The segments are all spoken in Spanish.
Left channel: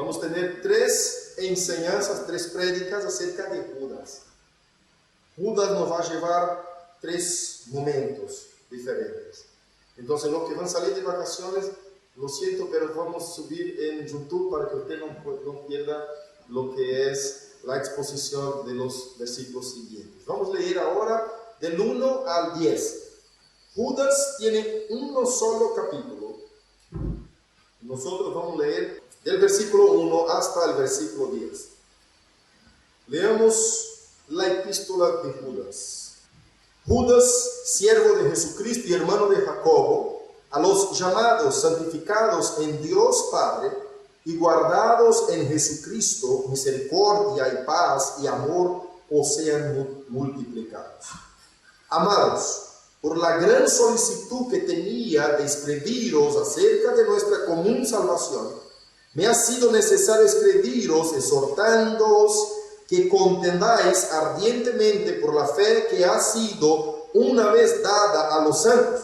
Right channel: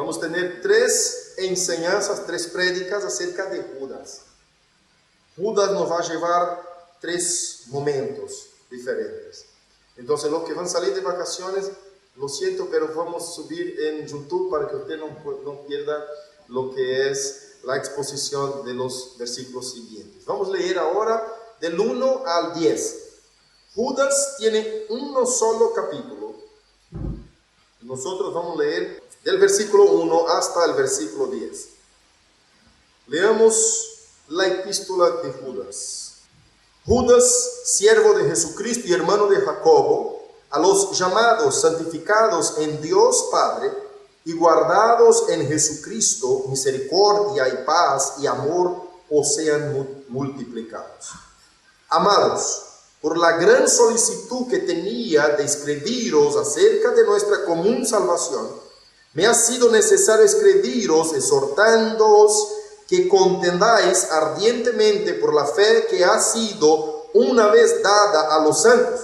Vamos a tener tres enseñanzas, tres prédicas acerca de Judas. Judas nos va a llevar tres momentos diferentes. Entonces, los que van a salir de vacaciones, lo siento, pero vamos a subir en YouTube para que usted no pierda lo que es la exposición de los versículos siguientes. Vamos a leer ahora del 1 al 10. Judas tiene uno solo capítulo. Nosotros vamos a leer del versículo 1 hasta el versículo 10. Leamos la epístola de Judas. Judas, siervo de Jesucristo y hermano de Jacobo, a los llamados, santificados en Dios Padre y guardados en Jesucristo, misericordia y paz y amor os sean multiplicados. Amados, por la gran solicitud que tenía de escribiros acerca de nuestra común salvación, me ha sido necesario escribiros exhortándoos que contendáis ardientemente por la fe que ha sido una vez dada a los santos.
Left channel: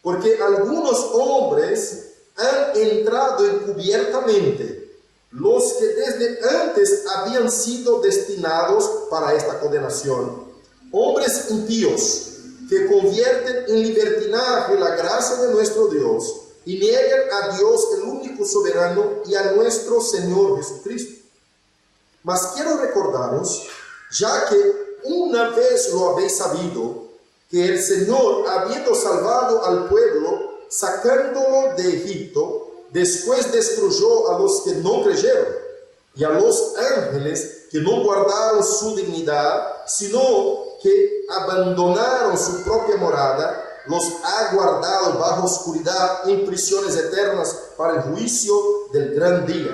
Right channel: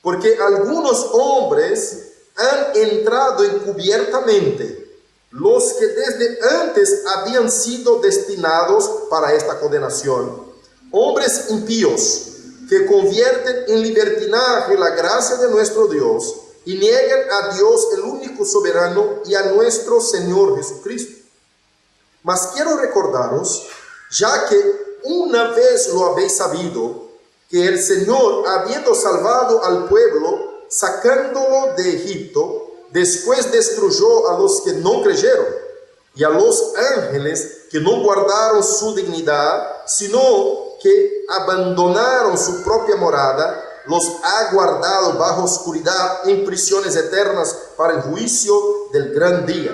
Porque algunos hombres han entrado encubiertamente, los que desde antes habían sido destinados para esta condenación, hombres impíos que convierten en libertinaje la gracia de nuestro Dios y niegan a Dios el único soberano y a nuestro Señor Jesucristo. Mas quiero recordaros, ya que una vez lo habéis sabido, que el Señor, habiendo salvado al pueblo, sacándolo de Egipto, después destruyó a los que no creyeron y a los ángeles que no guardaron su dignidad, sino que abandonaron su propia morada, los ha guardado bajo oscuridad en prisiones eternas para el juicio del gran día,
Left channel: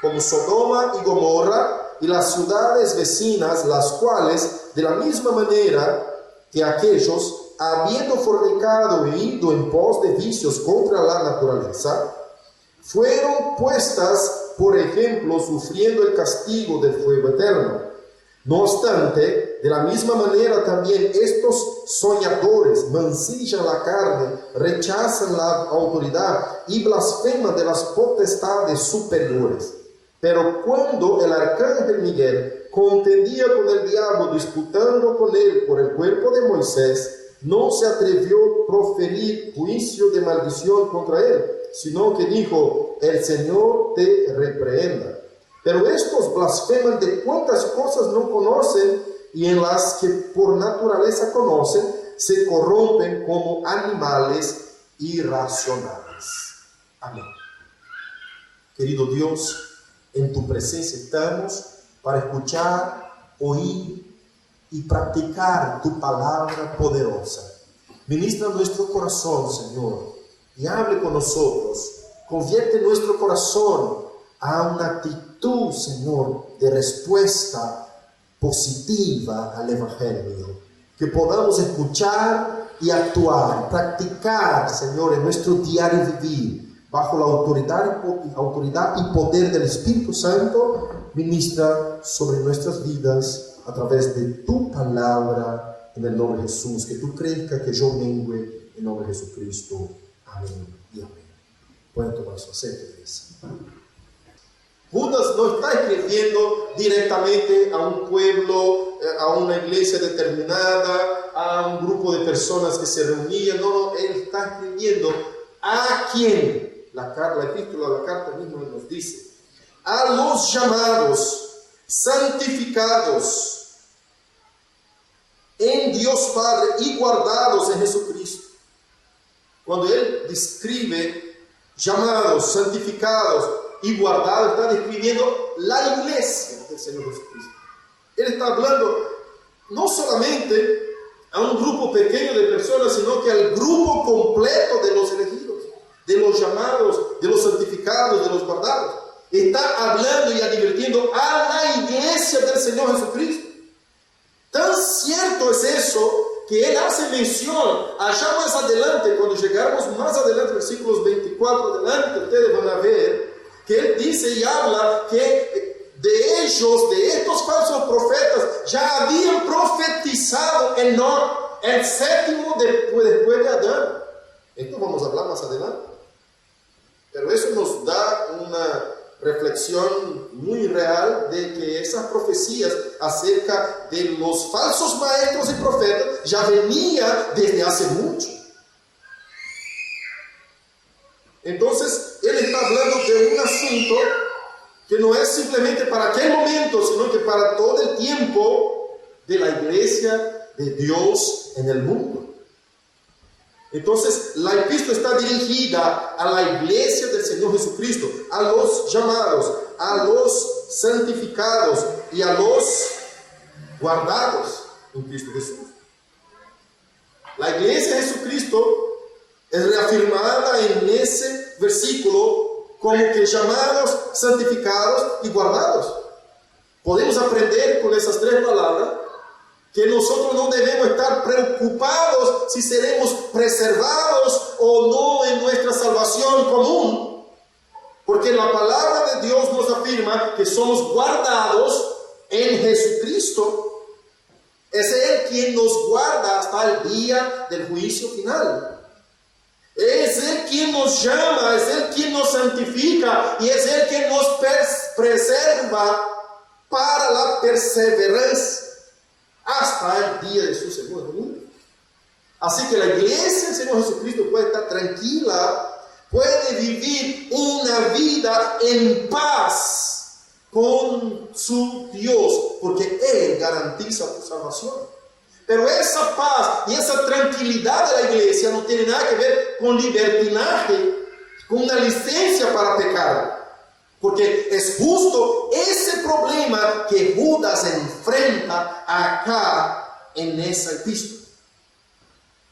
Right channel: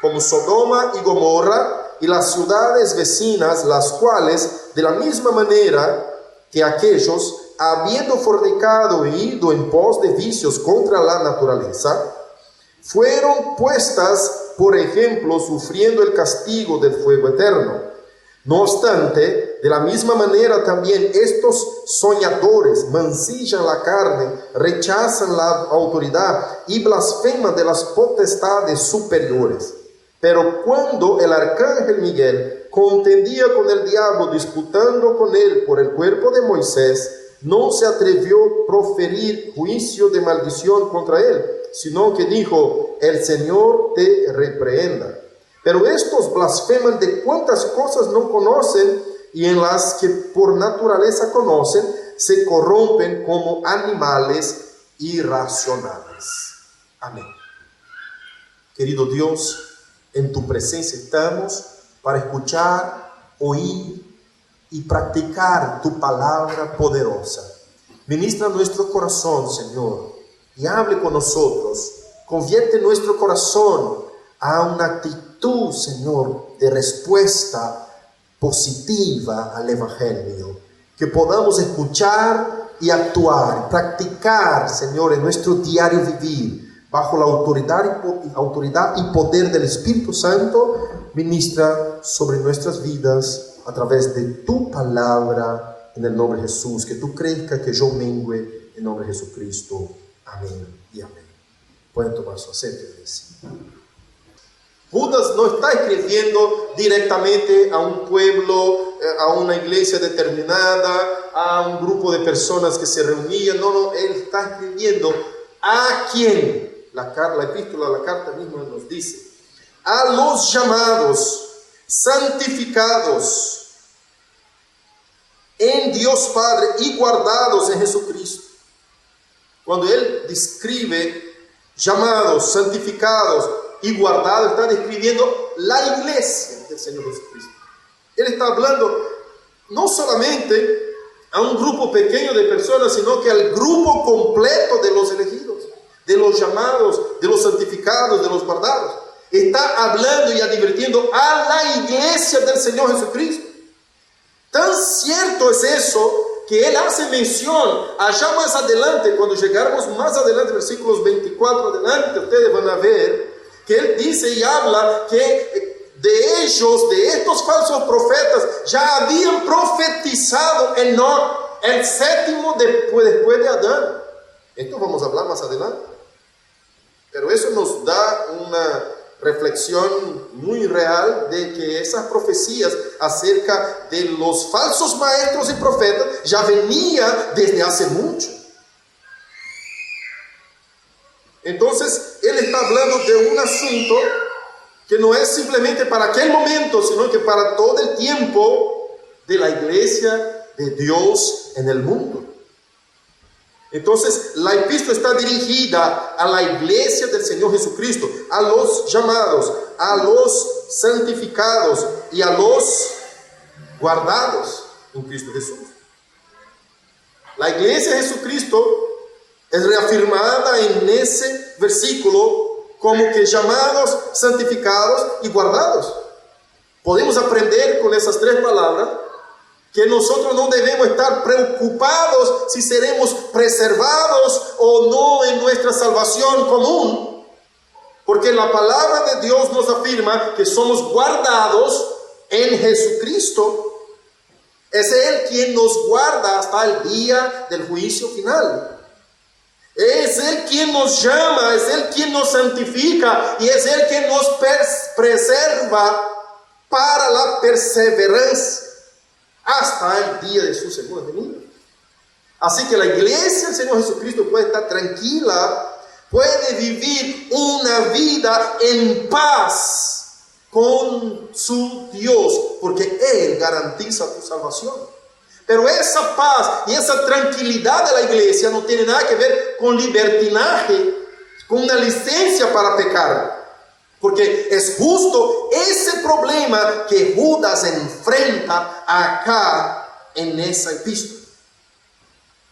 como Sodoma y Gomorra y las ciudades vecinas, las cuales, de la misma manera que aquellos, habiendo fornicado e ido en pos de vicios contra la naturaleza, fueron puestas por ejemplo sufriendo el castigo del fuego eterno. No obstante, de la misma manera también estos soñadores mancillan la carne, rechazan la autoridad y blasfeman de las potestades superiores. Pero cuando el arcángel Miguel contendía con el diablo, disputando con él por el cuerpo de Moisés, no se atrevió a proferir juicio de maldición contra él, sino que dijo: el Señor te reprenda. Pero estos blasfeman de cuantas cosas no conocen, y en las que por naturaleza conocen, se corrompen como animales irracionales. Amén. Querido Dios, en tu presencia estamos para escuchar, oír y practicar tu palabra poderosa. Ministra nuestro corazón, Señor, y hable con nosotros. Convierte nuestro corazón a una actitud, Señor, de respuesta positiva al Evangelio. Que podamos escuchar y actuar, practicar, Señor, en nuestro diario vivir, bajo la autoridad y poder del Espíritu Santo. Ministra sobre nuestras vidas a través de tu palabra, en el nombre de Jesús. Que tú crezcas, que yo mengue, en nombre de Jesucristo. Amén y amén. Pueden tomar su asiento, iglesia. Judas no está escribiendo directamente a un pueblo, a una iglesia determinada, a un grupo de personas que se reunían. No, él está escribiendo a quién. La epístola, la carta misma nos dice: a los llamados, santificados en Dios Padre y guardados en Jesucristo. Cuando él describe llamados, santificados y guardados, está describiendo la iglesia del Señor Jesucristo. Él está hablando no solamente a un grupo pequeño de personas, sino que al grupo completo de los elegidos, de los llamados, de los santificados, de los guardados. Está hablando y advirtiendo a la iglesia del Señor Jesucristo. Tan cierto es eso que él hace mención allá más adelante. Cuando llegáramos más adelante, versículos 24 adelante, ustedes van a ver que él dice y habla que de ellos, de estos falsos profetas, ya habían profetizado Enoc, el séptimo después de Adán. Esto vamos a hablar más adelante. Pero eso nos da una reflexión muy real de que esas profecías acerca de los falsos maestros y profetas ya venía desde hace mucho. Entonces, él está hablando de un asunto que no es simplemente para aquel momento, sino que para todo el tiempo de la iglesia de Dios en el mundo. Entonces, la epístola está dirigida a la iglesia del Señor Jesucristo, a los llamados, a los santificados y a los guardados en Cristo Jesús. La iglesia de Jesucristo es reafirmada en ese versículo como que llamados, santificados y guardados. Podemos aprender con esas tres palabras que nosotros no debemos estar preocupados si seremos preservados o no en nuestra salvación común, porque la palabra de Dios nos afirma que somos guardados en Jesucristo. Es Él quien nos guarda hasta el día del juicio final. Es Él quien nos llama, es Él quien nos santifica y es Él quien nos preserva para la perseverancia hasta el día de su segunda venida. Así que la iglesia del Señor Jesucristo puede estar tranquila, puede vivir una vida en paz con su Dios, porque Él garantiza tu salvación. Pero esa paz y esa tranquilidad de la iglesia no tiene nada que ver con libertinaje, con una licencia para pecar. Porque es justo ese problema que Judas enfrenta acá en esa epístola.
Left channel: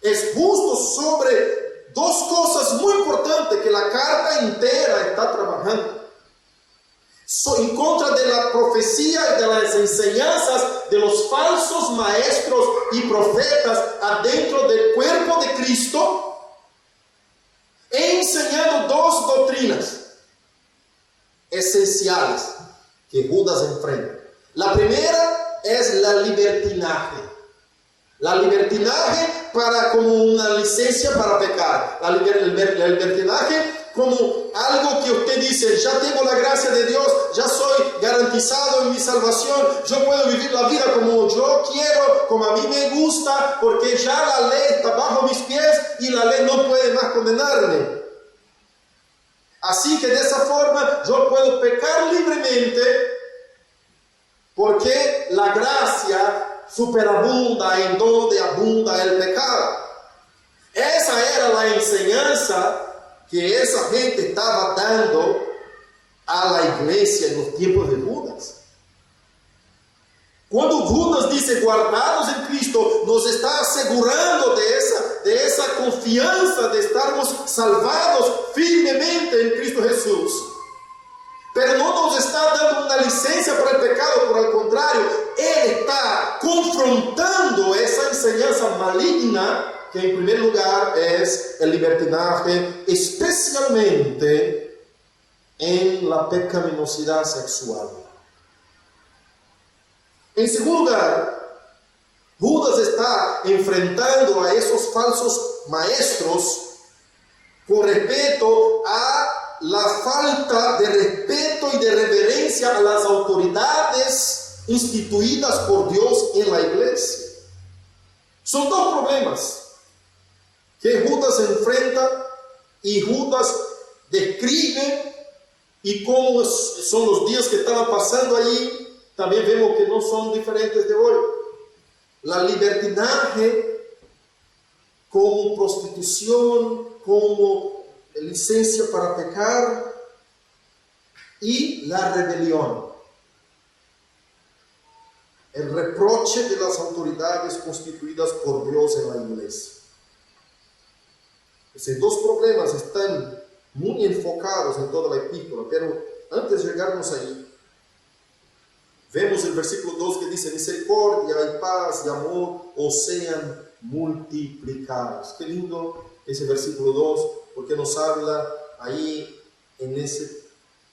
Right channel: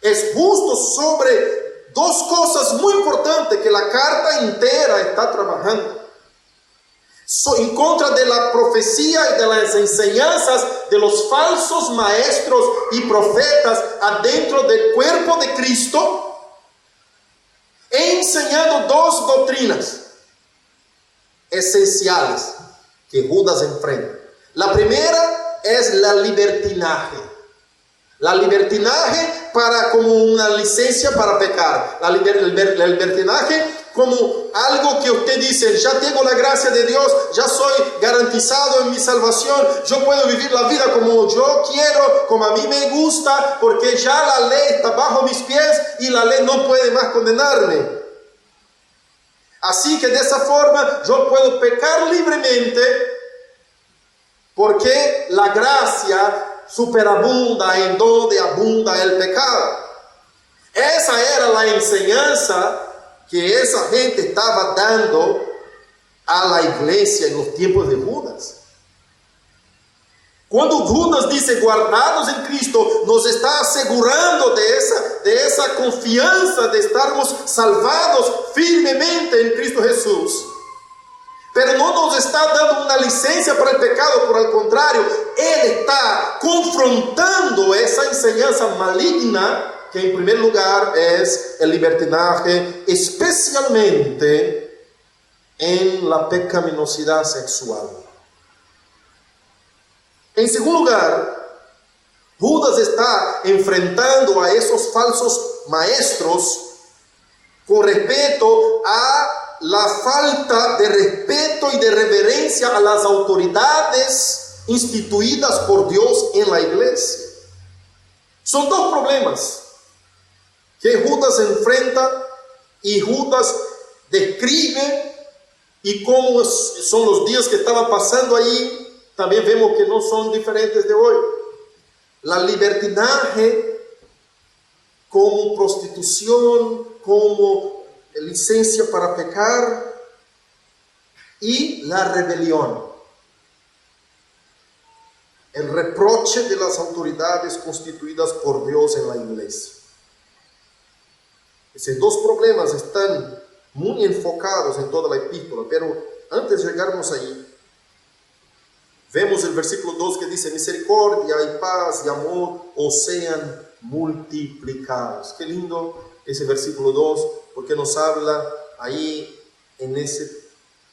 Es justo sobre dos cosas muy importantes que la carta entera está trabajando. En contra de la profecía y de las enseñanzas de los falsos maestros y profetas adentro del cuerpo de Cristo, enseñando dos doctrinas esenciales que Judas enfrenta. La primera es la libertinaje. La libertinaje como una licencia para pecar. El libertinaje como algo que usted dice, ya tengo la gracia de Dios, ya soy garantizado en mi salvación, yo puedo vivir la vida como yo quiero, como a mí me gusta, porque ya la ley está bajo mis pies y la ley no puede más condenarme. Así que de esa forma yo puedo pecar libremente porque la gracia superabunda en donde abunda el pecado. Esa era la enseñanza que esa gente estaba dando a la iglesia en los tiempos de Judas. Cuando Judas dice guardados en Cristo, nos está asegurando de esa confianza de estarmos salvados firmemente en Cristo Jesús. Pero no nos está dando una licencia para el pecado, por el contrario, Él está confrontando esa enseñanza maligna que en primer lugar es el libertinaje, especialmente en la pecaminosidad sexual. En segundo lugar, Judas está enfrentando a esos falsos maestros con respecto a la falta de respeto y de reverencia a las autoridades instituidas por Dios en la iglesia. Son dos problemas que Judas enfrenta y Judas describe, y cómo son los días que estaban pasando allí. También vemos que no son diferentes de hoy. La libertinaje como prostitución, como licencia para pecar, y la rebelión. El reproche de las autoridades constituidas por Dios en la iglesia. Esos dos problemas están muy enfocados en toda la epístola, pero antes de llegarnos ahí, vemos el versículo 2 que dice: misericordia y paz y amor os sean multiplicados. Qué lindo ese versículo 2, porque nos habla ahí en ese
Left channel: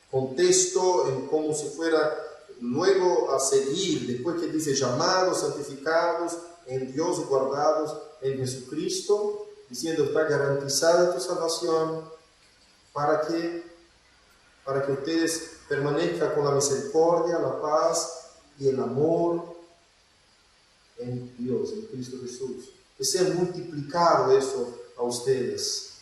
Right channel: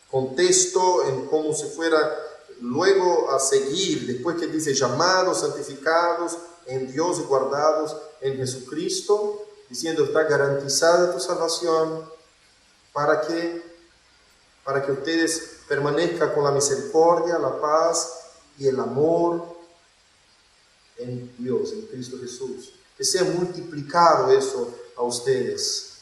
contexto, en cómo se fuera luego a seguir, después que dice llamados, santificados en Dios y guardados en Jesucristo, diciendo está garantizada tu salvación, para que para que ustedes permanezcan con la misericordia, la paz y el amor en Dios, en Cristo Jesús. Que sea multiplicado eso a ustedes.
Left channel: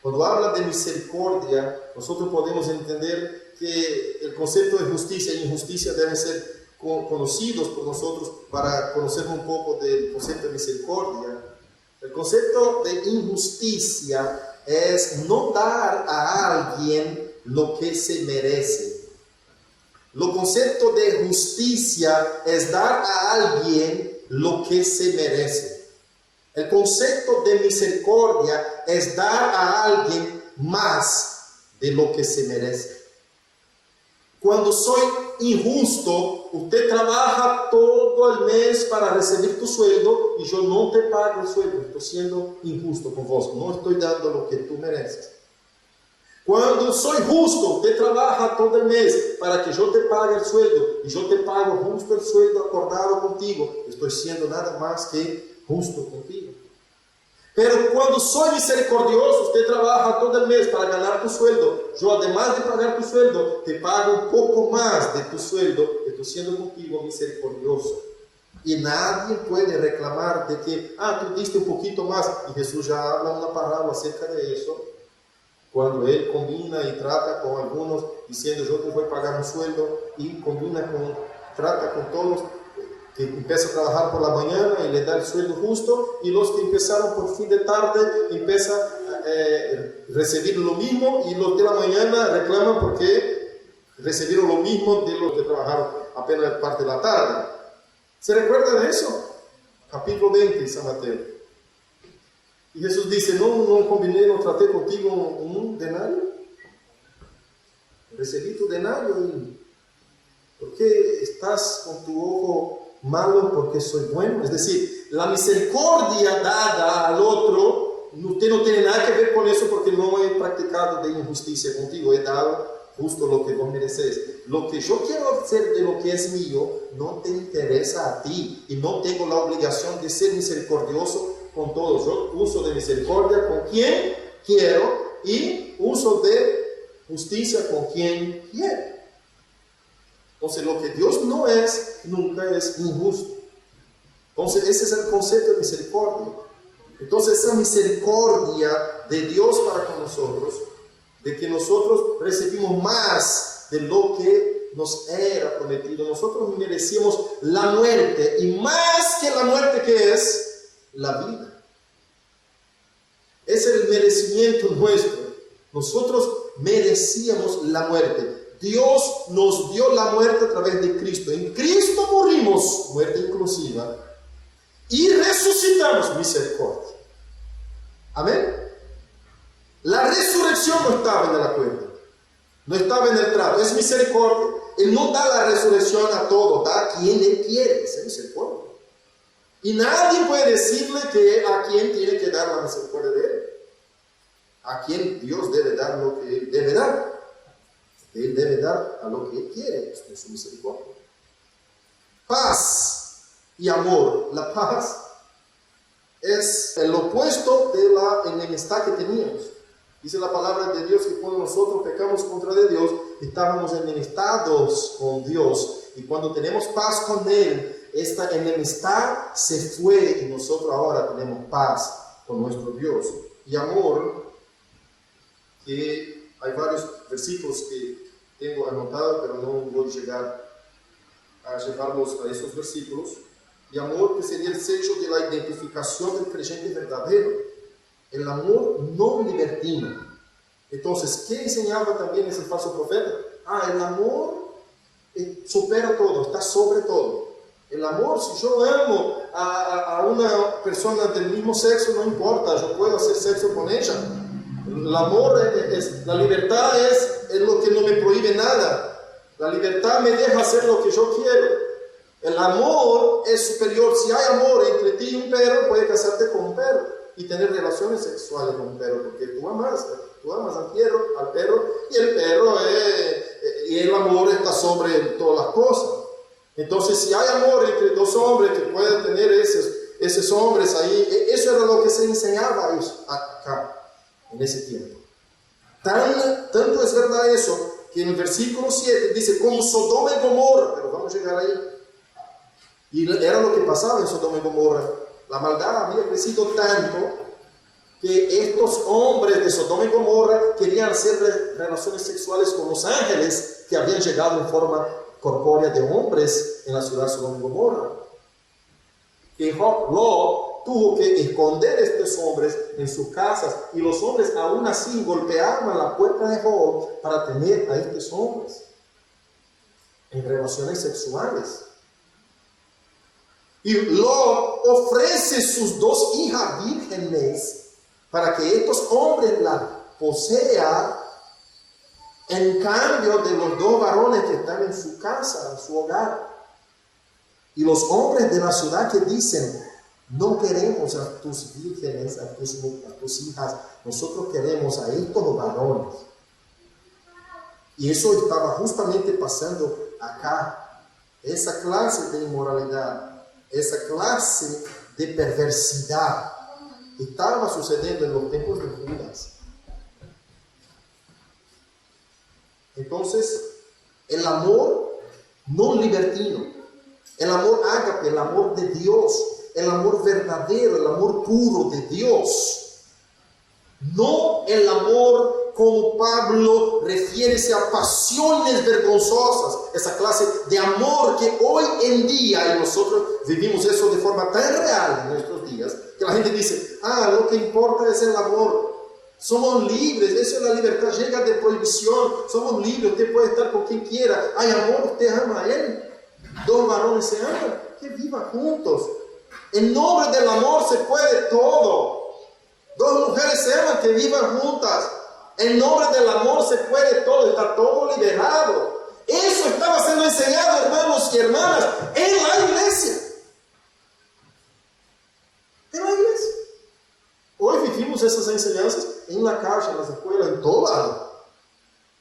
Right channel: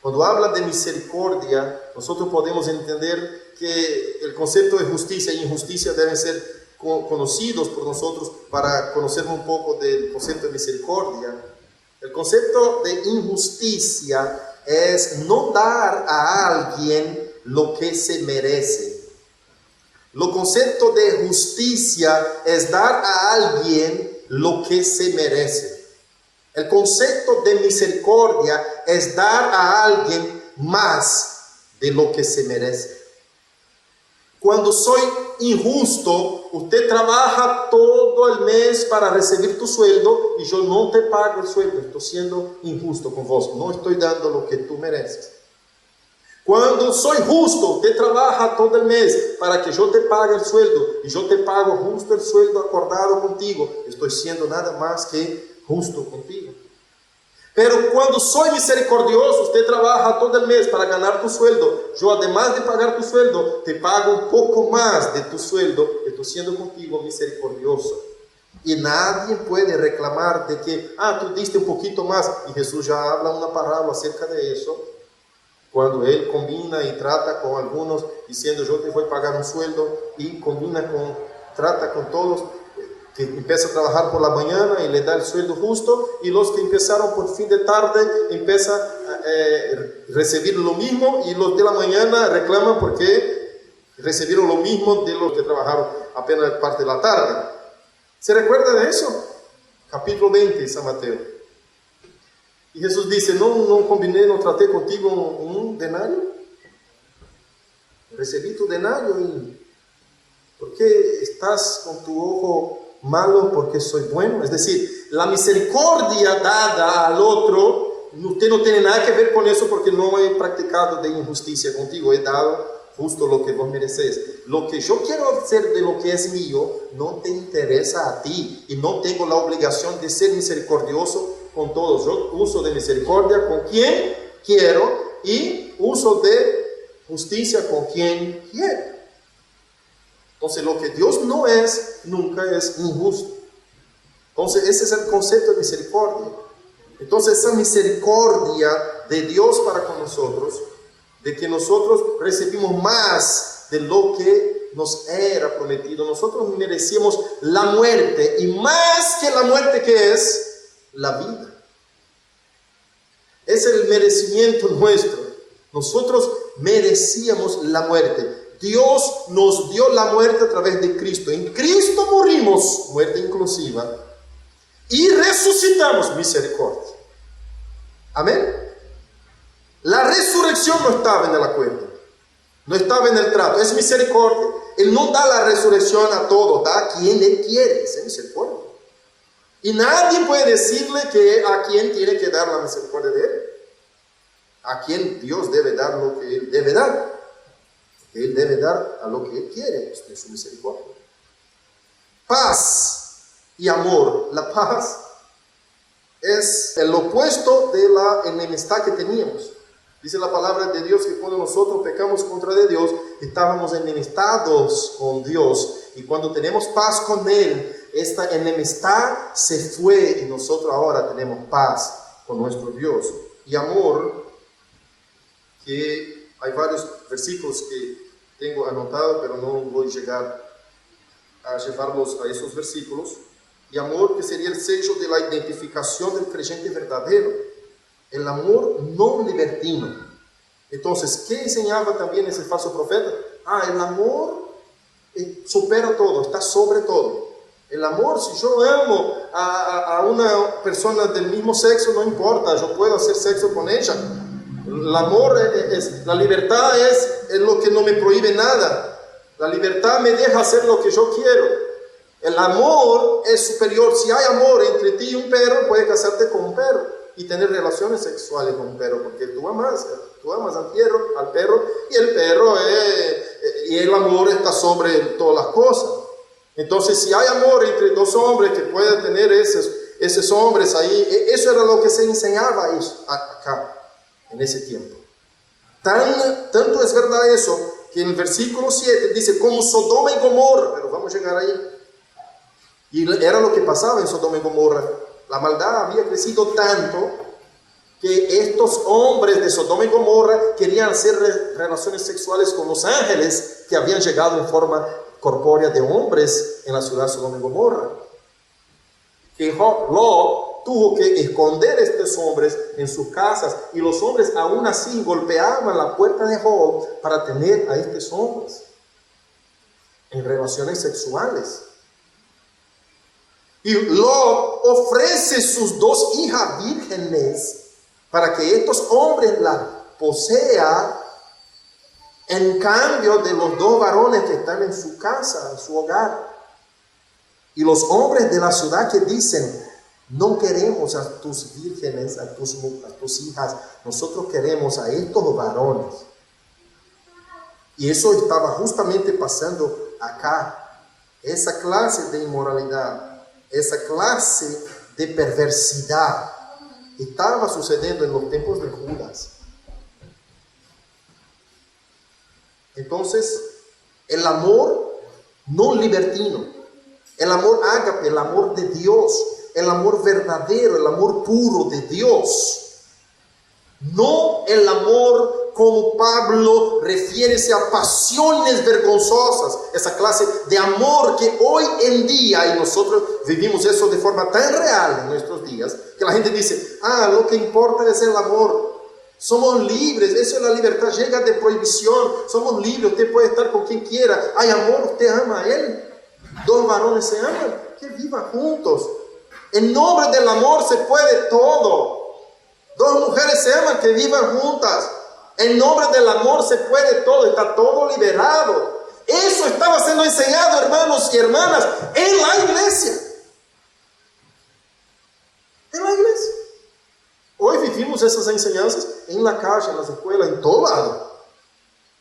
Cuando habla de misericordia, nosotros podemos entender que el concepto de justicia e injusticia deben ser conocidos por nosotros para conocer un poco del concepto de misericordia. El concepto de injusticia es no dar a alguien lo que se merece. El concepto de justicia es dar a alguien lo que se merece. El concepto de misericordia es dar a alguien más de lo que se merece. Cuando soy injusto, usted trabaja todo el mes para recibir tu sueldo y yo no te pago el sueldo. Estoy siendo injusto con vos. No estoy dando lo que tú mereces. Cuando soy justo, usted trabaja todo el mes para que yo te pague el sueldo y yo te pago justo el sueldo acordado contigo. Estoy siendo nada más que justo contigo. Pero cuando soy misericordioso, usted trabaja todo el mes para ganar tu sueldo. Yo, además de pagar tu sueldo, te pago un poco más de tu sueldo. Estoy siendo contigo misericordioso. Y nadie puede reclamar de que, tú diste un poquito más. Y Jesús ya habla una parábola acerca de eso. Cuando Él combina y trata con algunos, diciendo, yo te voy a pagar un sueldo. Y trata con todos que empieza a trabajar por la mañana y le da el sueldo justo, y los que empezaron por fin de tarde empiezan a recibir lo mismo, y los de la mañana reclaman porque recibieron lo mismo de los que trabajaron apenas parte de la tarde. ¿Se recuerda de eso? Capítulo 20 de San Mateo. Y Jesús dice, no combiné, no traté contigo un denario. Recibí tu denario y ¿por qué estás con tu ojo malo porque soy bueno? Es decir, la misericordia dada al otro, usted no tiene nada que ver con eso porque no he practicado de injusticia contigo, he dado justo lo que vos mereces. Lo que yo quiero hacer de lo que es mío no te interesa a ti, y no tengo la obligación de ser misericordioso con todos. Yo uso de misericordia con quien quiero y uso de justicia con quien quiero. Entonces, lo que Dios no es, nunca es injusto. Entonces, ese es el concepto de misericordia. Entonces, esa misericordia de Dios para con nosotros, de que nosotros recibimos más de lo que nos era prometido. Nosotros merecíamos la muerte, y más que la muerte, ¿qué es? La vida. Es el merecimiento nuestro. Nosotros merecíamos la muerte. Dios nos dio la muerte a través de Cristo. En Cristo morimos, muerte inclusiva, y resucitamos, misericordia. Amén. La resurrección no estaba en el acuerdo, no estaba en el trato, es misericordia. Él no da la resurrección a todos, da a quien Él quiere, es misericordia. Y nadie puede decirle que a quién tiene que dar la misericordia de Él. A quien Dios debe dar lo que Él debe dar. Él debe dar a lo que Él quiere, esto es su misericordia. Paz y amor. La paz es el opuesto de la enemistad que teníamos. Dice la palabra de Dios que cuando nosotros pecamos contra de Dios, estábamos enemistados con Dios. Y cuando tenemos paz con Él, esta enemistad se fue y nosotros ahora tenemos paz con nuestro Dios. Y amor, que hay varios versículos que tengo anotado, pero no voy a llegar a llevarlos a esos versículos. Y amor, que sería el sello de la identificación del creyente verdadero. El amor no libertino. Entonces, ¿qué enseñaba también ese falso profeta? El amor supera todo, está sobre todo. El amor, si yo amo a una persona del mismo sexo, no importa, yo puedo hacer sexo con ella. El amor, la libertad es lo que no me prohíbe nada. La libertad me deja hacer lo que yo quiero. El amor es superior. Si hay amor entre ti y un perro, puedes casarte con un perro y tener relaciones sexuales con un perro, porque tú amas al perro, y el perro y el amor está sobre todas las cosas. Entonces, si hay amor entre dos hombres que pueden tener esos hombres ahí, eso era lo que se enseñaba acá en ese tiempo. Tanto es verdad eso, que en el versículo 7 dice, como Sodoma y Gomorra, pero vamos a llegar ahí. Y era lo que pasaba en Sodoma y Gomorra. La maldad había crecido tanto que estos hombres de Sodoma y Gomorra querían hacer relaciones sexuales con los ángeles que habían llegado en forma corpórea de hombres en la ciudad de Sodoma y Gomorra. Que Lot tuvo que esconder a estos hombres en sus casas, y los hombres aún así golpeaban la puerta de Job para tener a estos hombres en relaciones sexuales. Y Lot ofrece sus 2 hijas vírgenes para que estos hombres las posean en cambio de los 2 varones que están en su casa, en su hogar. Y los hombres de la ciudad que dicen, no queremos a tus vírgenes, a tus hijas, nosotros queremos a estos varones. Y eso estaba justamente pasando acá. Esa clase de inmoralidad, esa clase de perversidad estaba sucediendo en los tiempos de Judas. Entonces, el amor no libertino, el amor ágape, el amor de Dios, el amor verdadero, el amor puro de Dios, no el amor como Pablo refiere a pasiones vergonzosas, esa clase de amor que hoy en día, y nosotros vivimos eso de forma tan real en nuestros días, que la gente dice, lo que importa es el amor, somos libres, eso es la libertad, llega de prohibición, somos libres, usted puede estar con quien quiera, hay amor, usted ama a él, 2 varones se aman, que vivan juntos, en nombre del amor se puede todo, 2 mujeres se aman, que vivan juntas, en nombre del amor se puede todo, está todo liberado. Eso estaba siendo enseñado, hermanos y hermanas, en la iglesia. En la iglesia. Hoy vivimos esas enseñanzas en la calle, en las escuelas, en todo lado.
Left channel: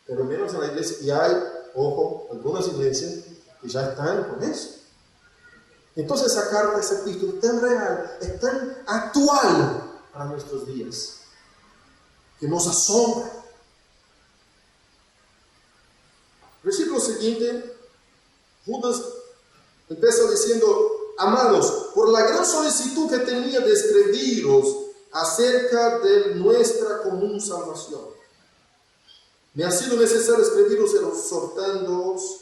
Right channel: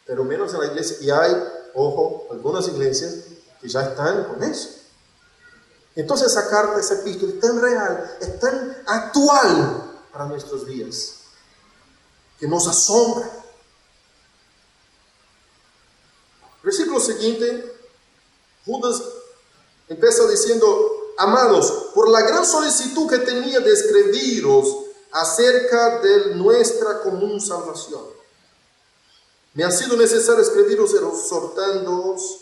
Pero menos en la iglesia. Y hay, ojo, algunas iglesias que ya están con eso. Entonces esa carta, esa epístola es tan real, es tan actual para nuestros días, que nos asombra. Versículo siguiente, Judas empieza diciendo, amados, por la gran solicitud que tenía de escribiros acerca de nuestra común salvación, me ha sido necesario escribiros exhortándoos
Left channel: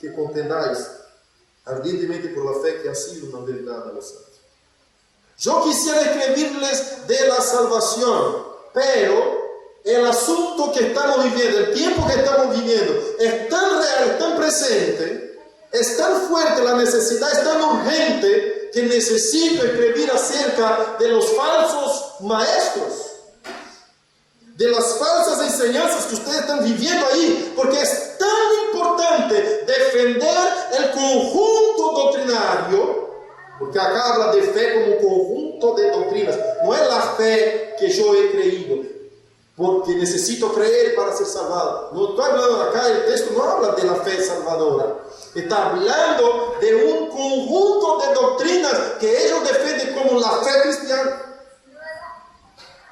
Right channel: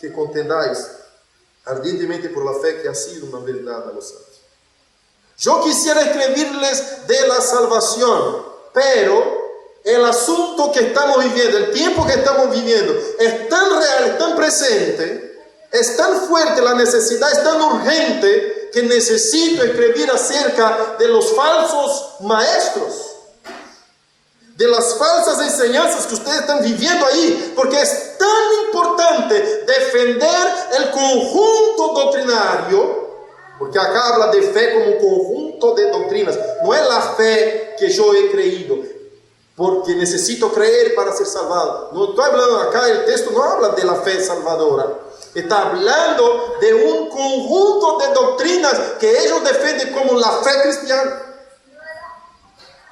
que contendáis ardientemente por la fe que ha sido una verdad a los santos. Yo quisiera escribirles de la salvación, pero el asunto que estamos viviendo, el tiempo que estamos viviendo, es tan real, es tan presente, es tan fuerte la necesidad, es tan urgente, que necesito escribir acerca de los falsos maestros, de las falsas enseñanzas que ustedes están viviendo ahí, porque es tan importante defender el conjunto doctrinario. Porque acá habla de fe como conjunto de doctrinas. No es la fe que yo he creído, porque necesito creer para ser salvado. No estoy hablando acá, el texto no habla de la fe salvadora. Está hablando de un conjunto de doctrinas que ellos defienden como la fe cristiana.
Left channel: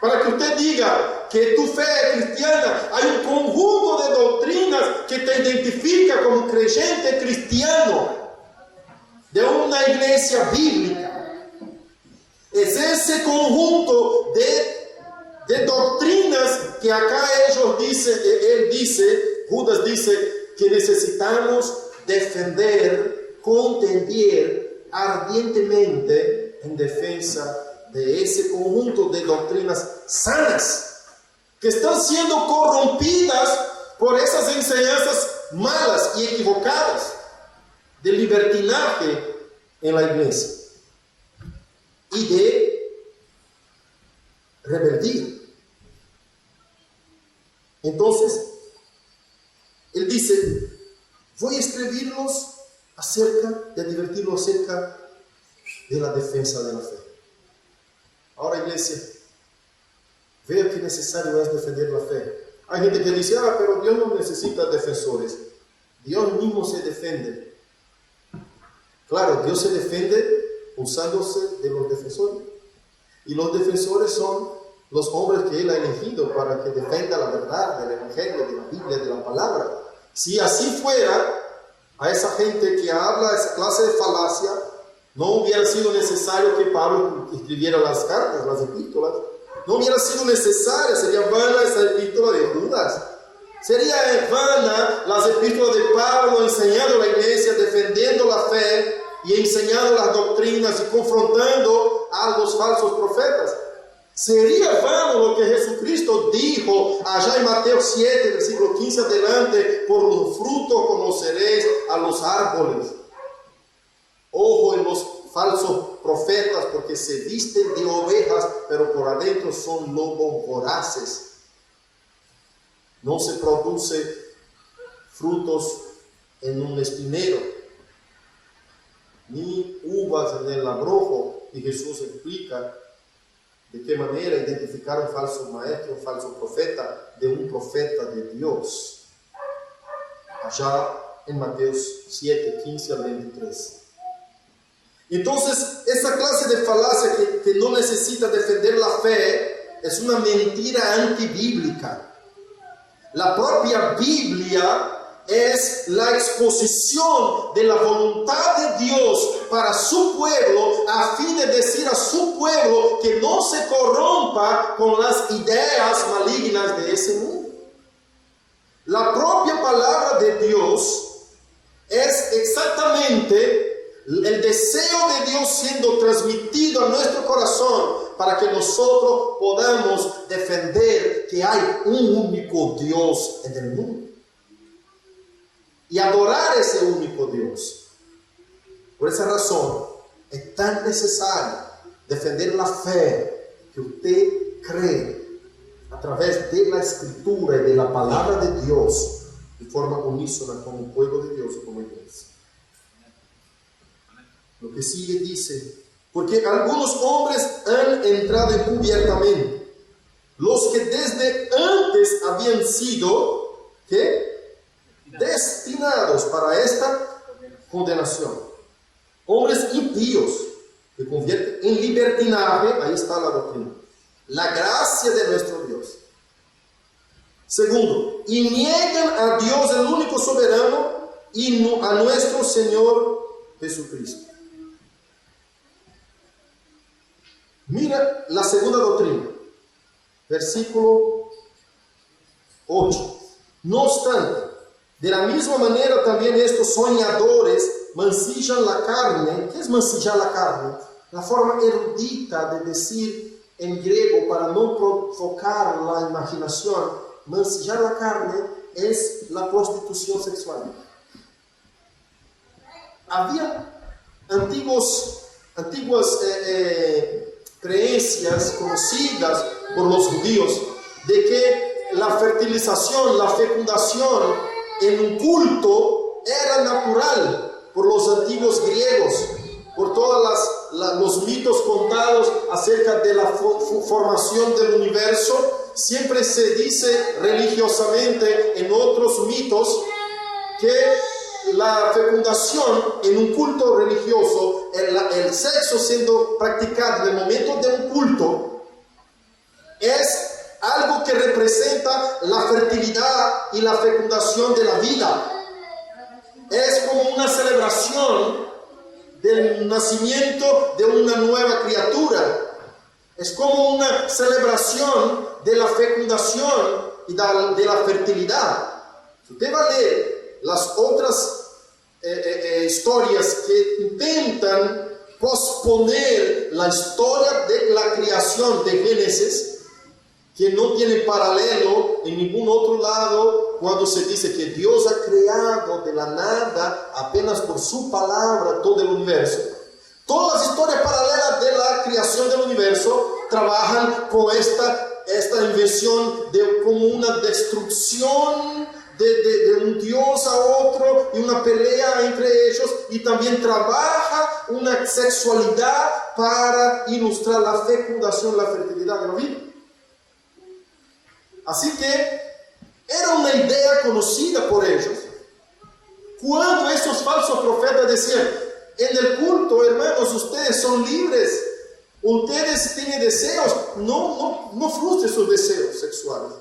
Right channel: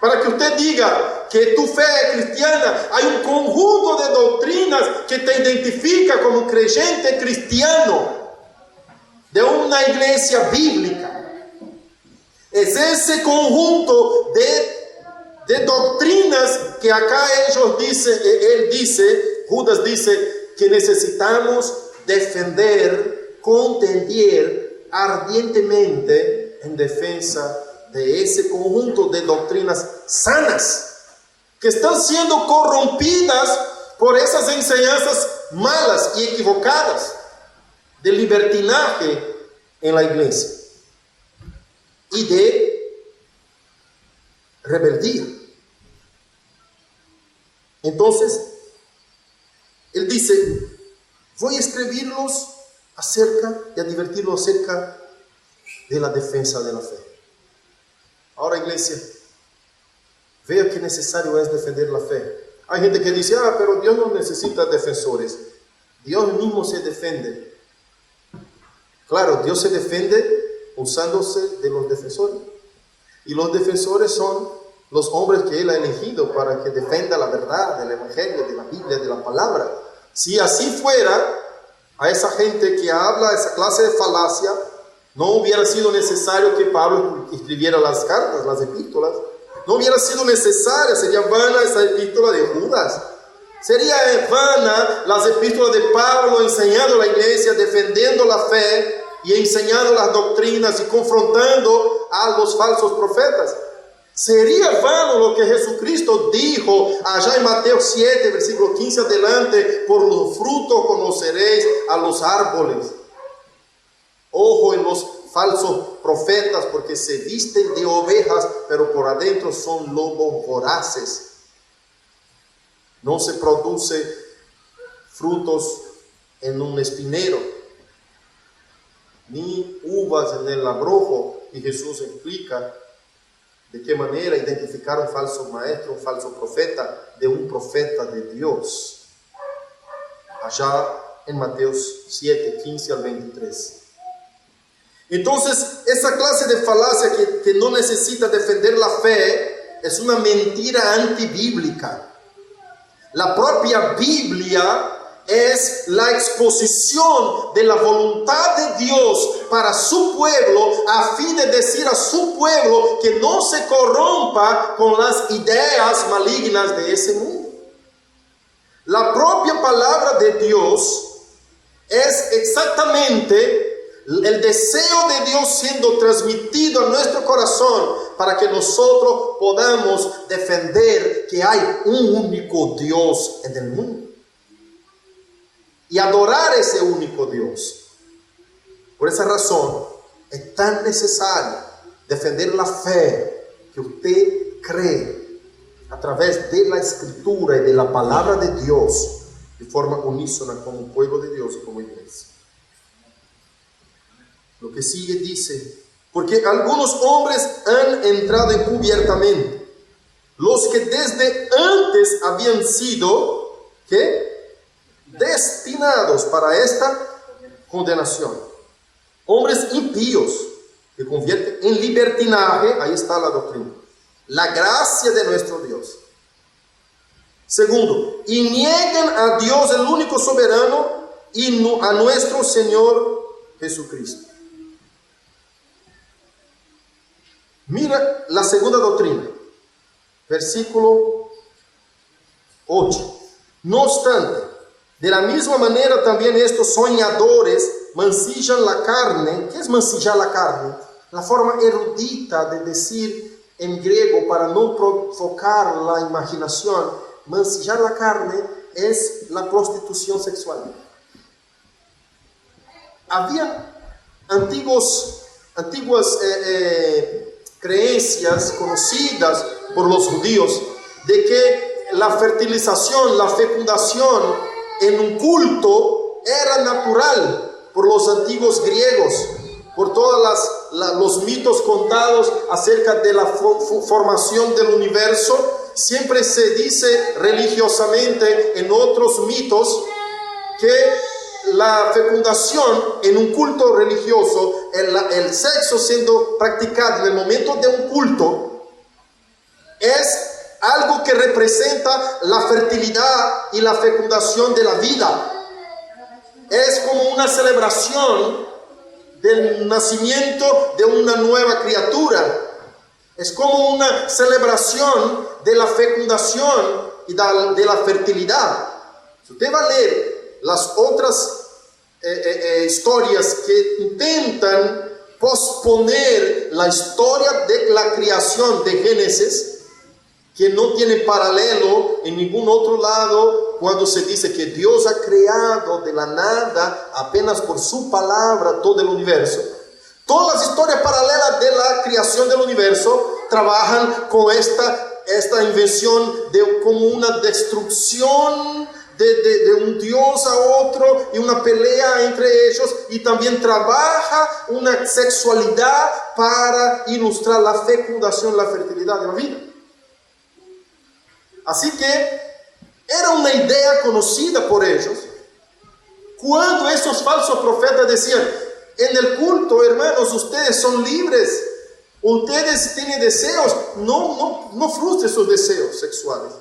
Para que usted diga que tu fe es cristiana, hay un conjunto de doctrinas que te identifica como creyente cristiano de una iglesia bíblica. Es ese conjunto de doctrinas que acá Judas dice que necesitamos defender, contender ardientemente en defensa de ese conjunto de doctrinas sanas que están siendo corrompidas por esas enseñanzas malas y equivocadas de libertinaje en la iglesia y de rebeldía. Entonces, él dice, voy a escribirlos acerca y a advertirlos acerca de la defensa de la fe. Ahora, iglesia, vea qué necesario es defender la fe. Hay gente que dice, pero Dios no necesita defensores. Dios mismo se defiende. Claro, Dios se defiende usándose de los defensores. Y los defensores son los hombres que Él ha elegido para que defenda la verdad del Evangelio, de la Biblia, de la palabra. Si así fuera, a esa gente que habla esa clase de falacia, no hubiera sido necesario que Pablo escribiera las cartas, las epístolas. No hubiera sido necesaria, sería vana esa epístola de Judas. Sería vana las epístolas de Pablo enseñando a la iglesia, defendiendo la fe y enseñando las doctrinas y confrontando a los falsos profetas. Sería vano lo que Jesucristo dijo allá en Mateo 7, versículo 15 adelante: por los frutos conoceréis a los árboles. Ojo en los falsos profetas, porque se visten de ovejas, pero por adentro son lobos voraces. No se produce frutos en un espinero, ni uvas en el labrojo. Y Jesús explica de qué manera identificar un falso maestro, un falso profeta, de un profeta de Dios. Allá en Mateo 7, 15 al 23. Entonces, esa clase de falacia que no necesita defender la fe es una mentira antibíblica. La propia Biblia es la exposición de la voluntad de Dios para su pueblo, a fin de decir a su pueblo que no se corrompa con las ideas malignas de ese mundo. La propia palabra de Dios es exactamente el deseo de Dios siendo transmitido a nuestro corazón para que nosotros podamos defender que hay un único Dios en el mundo y adorar ese único Dios. Por esa razón es tan necesario defender la fe que usted cree a través de la Escritura y de la palabra de Dios de forma unísona como pueblo de Dios y como iglesia. Lo que sigue dice: porque algunos hombres han entrado encubiertamente, los que desde antes habían sido, ¿qué?, destinados para esta condenación. Hombres impíos que convierten en libertinaje, ahí está la doctrina, la gracia de nuestro Dios. Segundo, y niegan a Dios el único soberano y a nuestro Señor Jesucristo. Mira la segunda doctrina, versículo 8. No obstante, de la misma manera también estos soñadores mancillan la carne. ¿Qué es mancillar la carne? La forma erudita de decir en griego para no provocar la imaginación. Mancillar la carne es la prostitución sexual. Había antiguas creencias conocidas por los judíos de que la fertilización, la fecundación en un culto era natural por los antiguos griegos, por todos los mitos contados acerca de la formación del universo. Siempre se dice religiosamente en otros mitos que la fecundación en un culto religioso, el sexo siendo practicado en el momento de un culto, es algo que representa la fertilidad y la fecundación de la vida. Es como una celebración del nacimiento de una nueva criatura. Es como una celebración de la fecundación y de la fertilidad. Si usted va a leer las otras historias que intentan posponer la historia de la creación de Génesis, que no tiene paralelo en ningún otro lado, cuando se dice que Dios ha creado de la nada, apenas por su palabra, todo el universo. Todas las historias paralelas de la creación del universo trabajan con esta invención de como una destrucción de un Dios a otro y una pelea entre ellos, y también trabaja una sexualidad para ilustrar la fecundación, la fertilidad de la vida. Así que era una idea conocida por ellos. Cuando esos falsos profetas decían: en el culto, hermanos, ustedes son libres, Ustedes tienen deseos, no frustre sus deseos sexuales.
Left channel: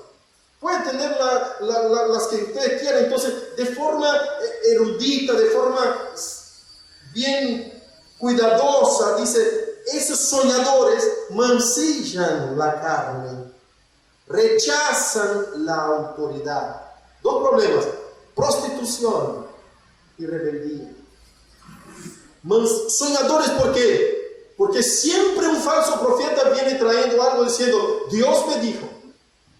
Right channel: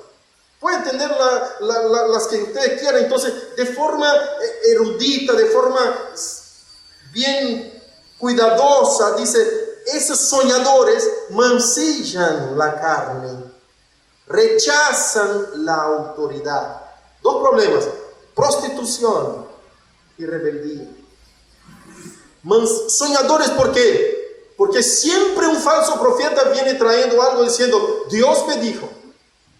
Pueden tener las que ustedes quieran, entonces de forma erudita, de forma bien cuidadosa, dice, esos soñadores mancillan la carne, rechazan la autoridad. Dos problemas: prostitución y rebeldía. Soñadores, ¿por qué? Porque siempre un falso profeta viene trayendo algo diciendo, Dios me dijo,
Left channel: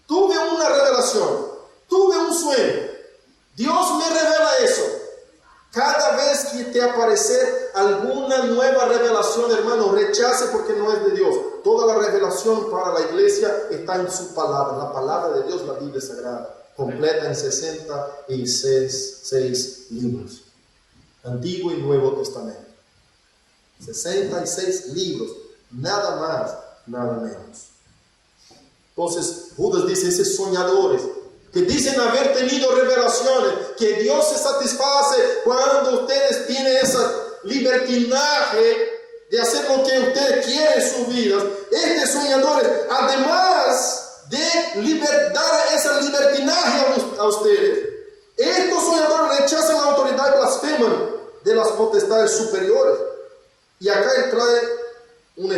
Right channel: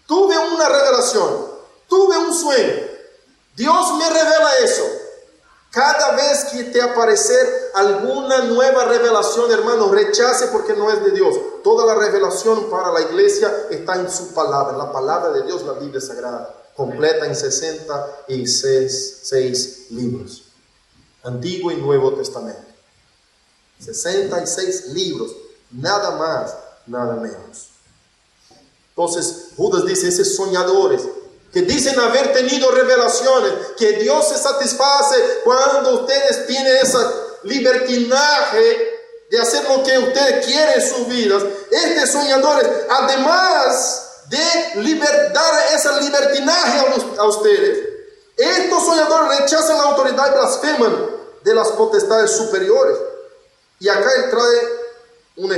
tuve una revelación, tuve un sueño, Dios me revela eso. Cada vez que te aparecer alguna nueva revelación, hermano, rechace, porque no es de Dios. Toda la revelación para la iglesia está en su palabra, la palabra de Dios, la Biblia Sagrada, completa en 66 libros, Antiguo y Nuevo Testamento. 66 libros, nada más, nada menos. Entonces Judas dice, esos soñadores que dicen haber tenido revelaciones, que Dios se satisface cuando ustedes tienen ese libertinaje de hacer lo que ustedes quieren en sus vidas. Estos soñadores, además de dar ese libertinaje a ustedes, estos soñadores rechazan la autoridad y blasfeman de las potestades superiores. Y acá él trae un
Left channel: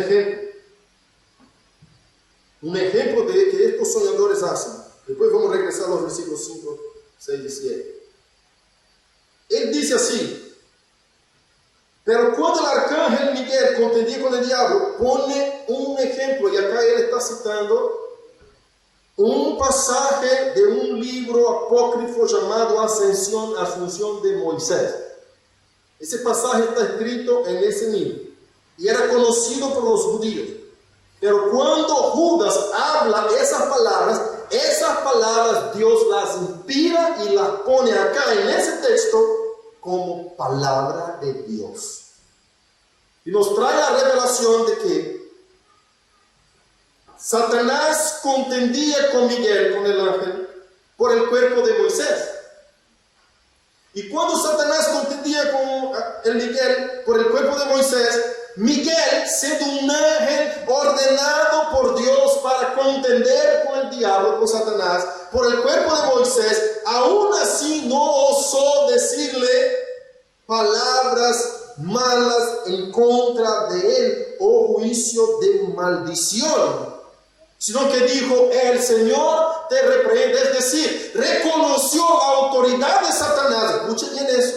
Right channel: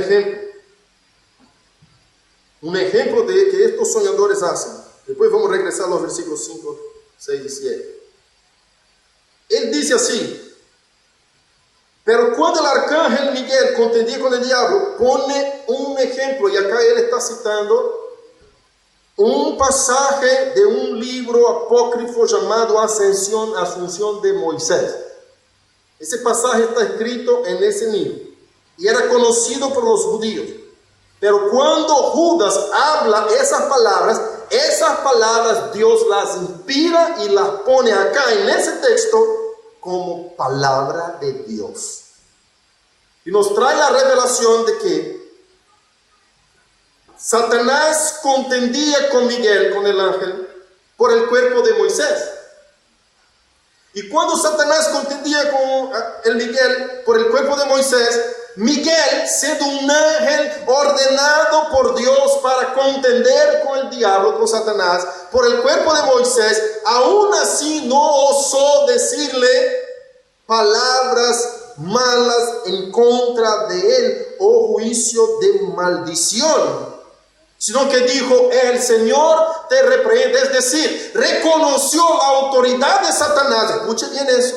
ejemplo de que estos soñadores hacen. Después vamos a regresar a los versículos 5, 6 y 7. Él dice así: pero cuando el arcángel Miguel contendía con el diablo, pone un ejemplo, y acá él está citando un pasaje de un libro apócrifo llamado Asunción de Moisés. Ese pasaje está escrito en ese libro y era conocido por los judíos. Pero cuando Judas habla esas palabras Dios las inspira y las pone acá en ese texto como palabra de Dios. Y nos trae la revelación de que Satanás contendía con Miguel, con el ángel, por el cuerpo de Moisés. Y cuando Satanás contendía con el Miguel por el cuerpo de Moisés, Miguel, siendo un ángel ordenado por Dios para contender con el diablo, con Satanás, por el cuerpo de Moisés, aún así no osó decirle palabras malas en contra de él o juicio de maldición, sino que dijo, el Señor te reprende. Es decir, reconoció la autoridad de Satanás. Escuche bien eso,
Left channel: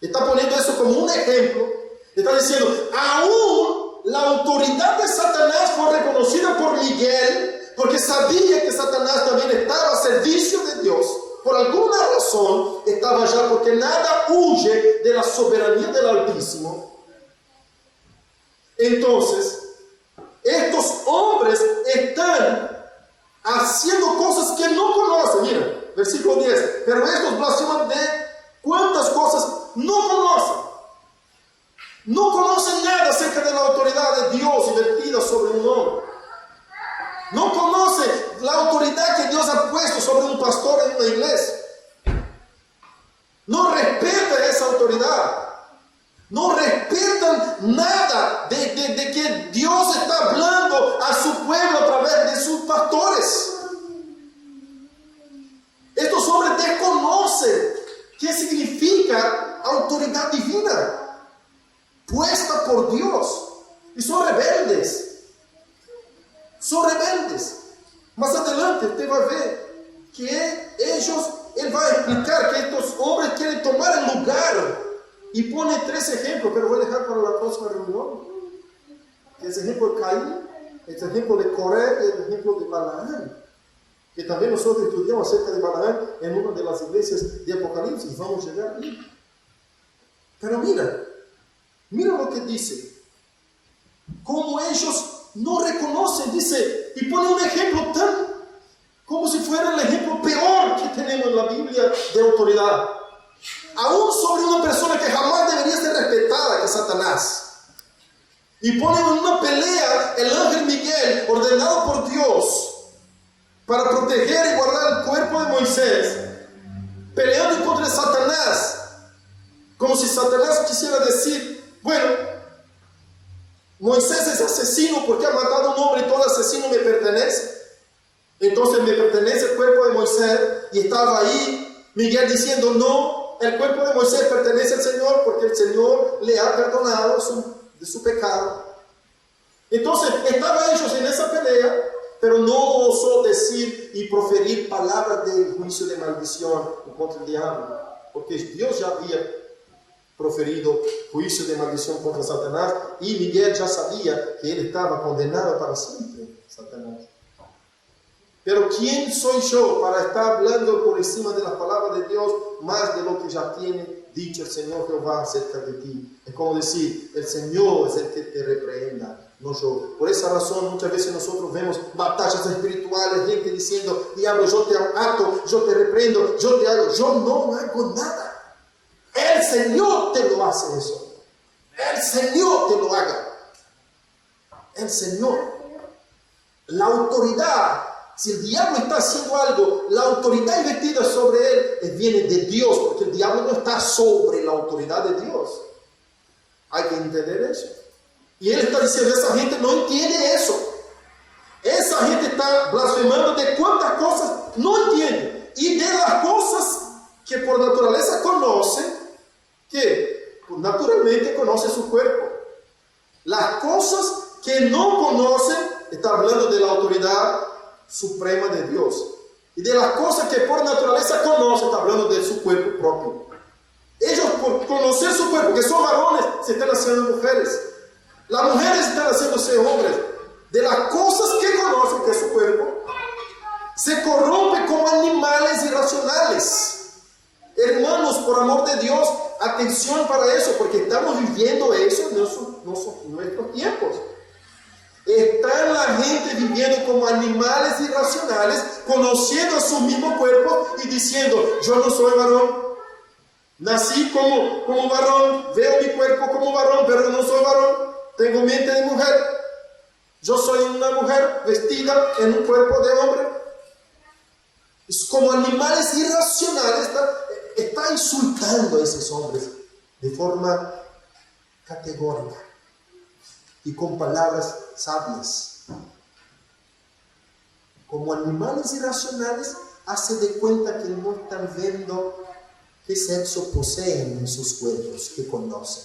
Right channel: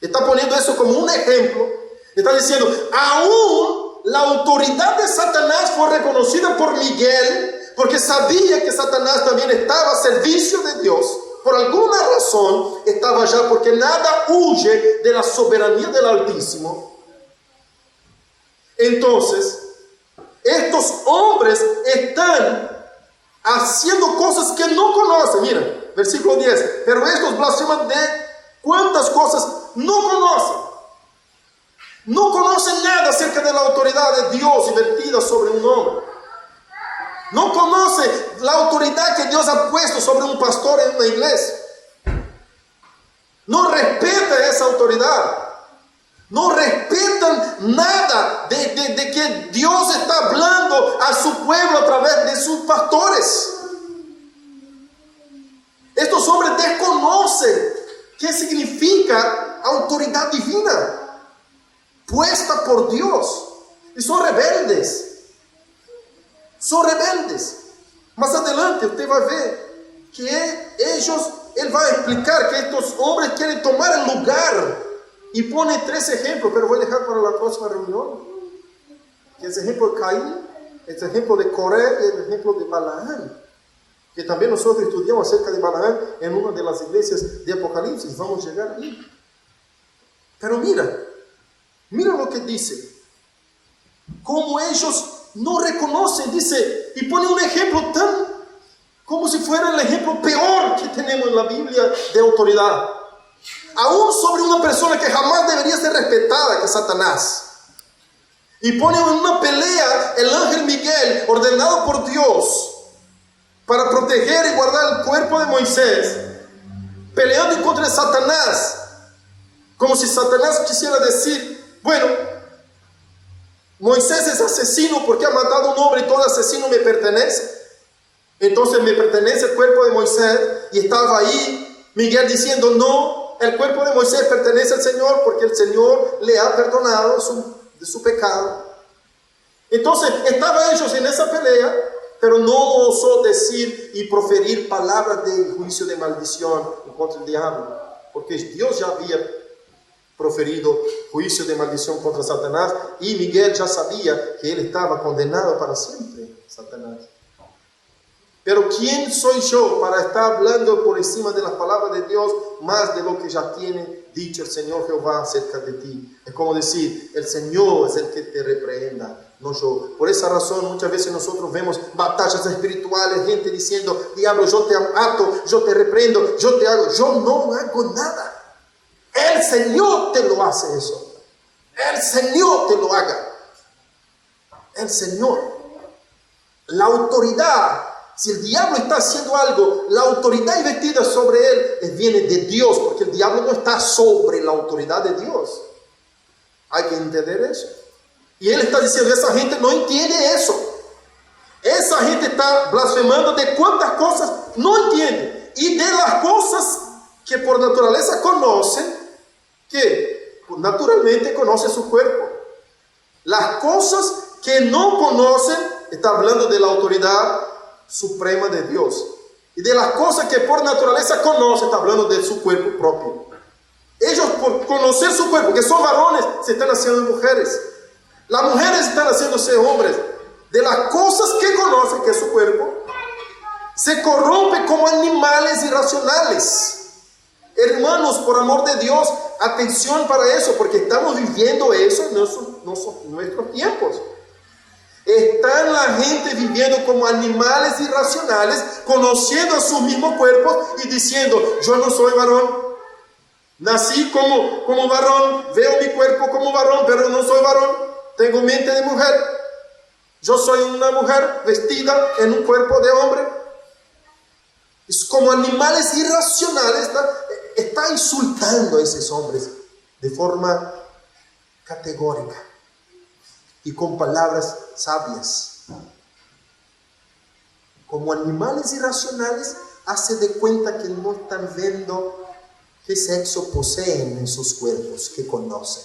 está poniendo eso como un ejemplo. Está diciendo, aún la autoridad de Satanás fue reconocida por Miguel, porque sabía que Satanás también estaba a servicio de Dios. Por alguna razón estaba allá, porque nada huye de la soberanía del Altísimo. Entonces, estos hombres están haciendo cosas que no conocen. Mira, versículo 10. Pero estos blasfeman de cuántas cosas no conocen. No conocen nada acerca de la autoridad de Dios invertida sobre un hombre. No conocen la autoridad que Dios ha puesto sobre un pastor en una iglesia. No respeta esa autoridad. No respetan nada de que Dios está hablando a su pueblo a través de sus pastores. Estos hombres desconocen qué significa autoridad divina puesta por Dios, y son rebeldes. Son rebeldes. Más adelante usted va a ver que él va a explicar que estos hombres quieren tomar el lugar, y pone 3 ejemplos, pero voy a dejar para la próxima reunión. Que es el ejemplo de Caín, el ejemplo de Coré y el ejemplo de Balaam, que también nosotros estudiamos acerca de Balaam en una de las iglesias de Apocalipsis. Vamos a llegar ahí. Pero mira lo que dice. Como ellos no reconocen, dice, y pone un ejemplo tan como si fuera el ejemplo peor que tenemos en la Biblia de autoridad. Aún sobre una persona que jamás debería ser respetada, que es Satanás. Y pone en una pelea el ángel Miguel, ordenado por Dios para proteger y guardar el cuerpo de Moisés, peleando contra Satanás, como si Satanás quisiera decir, bueno, Moisés es asesino porque ha matado a un hombre y todo asesino me pertenece. Entonces me pertenece el cuerpo de Moisés. Y estaba ahí Miguel diciendo, no, el cuerpo de Moisés pertenece al Señor porque el Señor le ha perdonado de su pecado. Entonces estaban ellos en esa pelea, pero no osó decir y proferir palabras de juicio de maldición contra el diablo, porque Dios ya había proferido juicio de maldición contra Satanás y Miguel ya sabía que él estaba condenado para siempre, Satanás. Pero ¿quién soy yo para estar hablando por encima de las palabras de Dios más de lo que ya tiene dicho el Señor Jehová acerca de ti? Es como decir, el Señor es el que te reprenda, no yo. Por esa razón muchas veces nosotros vemos batallas espirituales, gente diciendo, diablo, yo te ato, yo te reprendo, yo te hago. Yo no hago nada. El Señor te lo hace eso. El Señor te lo haga. El Señor. La autoridad. Si el diablo está haciendo algo, la autoridad investida sobre él viene de Dios, porque el diablo no está sobre la autoridad de Dios. Hay que entender eso. Y él está diciendo, esa gente no entiende eso. Esa gente está blasfemando de cuántas cosas no entiende. Y de las cosas que por naturaleza conocen, que naturalmente conoce su cuerpo. Las cosas que no conocen, está hablando de la autoridad suprema de Dios. Y de las cosas que por naturaleza conoce, está hablando de su cuerpo propio. Ellos por conocer su cuerpo, que son varones, se están haciendo mujeres. Las mujeres están haciéndose hombres. De las cosas que conocen, que es su cuerpo, se corrompe como animales irracionales. Hermanos, por amor de Dios, atención para eso, porque estamos viviendo eso en nuestros tiempos. Está la gente viviendo como animales irracionales, conociendo a sus mismos cuerpos y diciendo, yo no soy varón. Nací como varón, veo mi cuerpo como varón, pero no soy varón. Tengo mente de mujer. Yo soy una mujer vestida en un cuerpo de hombre. Es como animales irracionales. Está insultando a esos hombres de forma categórica y con palabras sabias. Como animales irracionales, hace de cuenta que no están viendo qué sexo poseen en sus cuerpos, que conocen.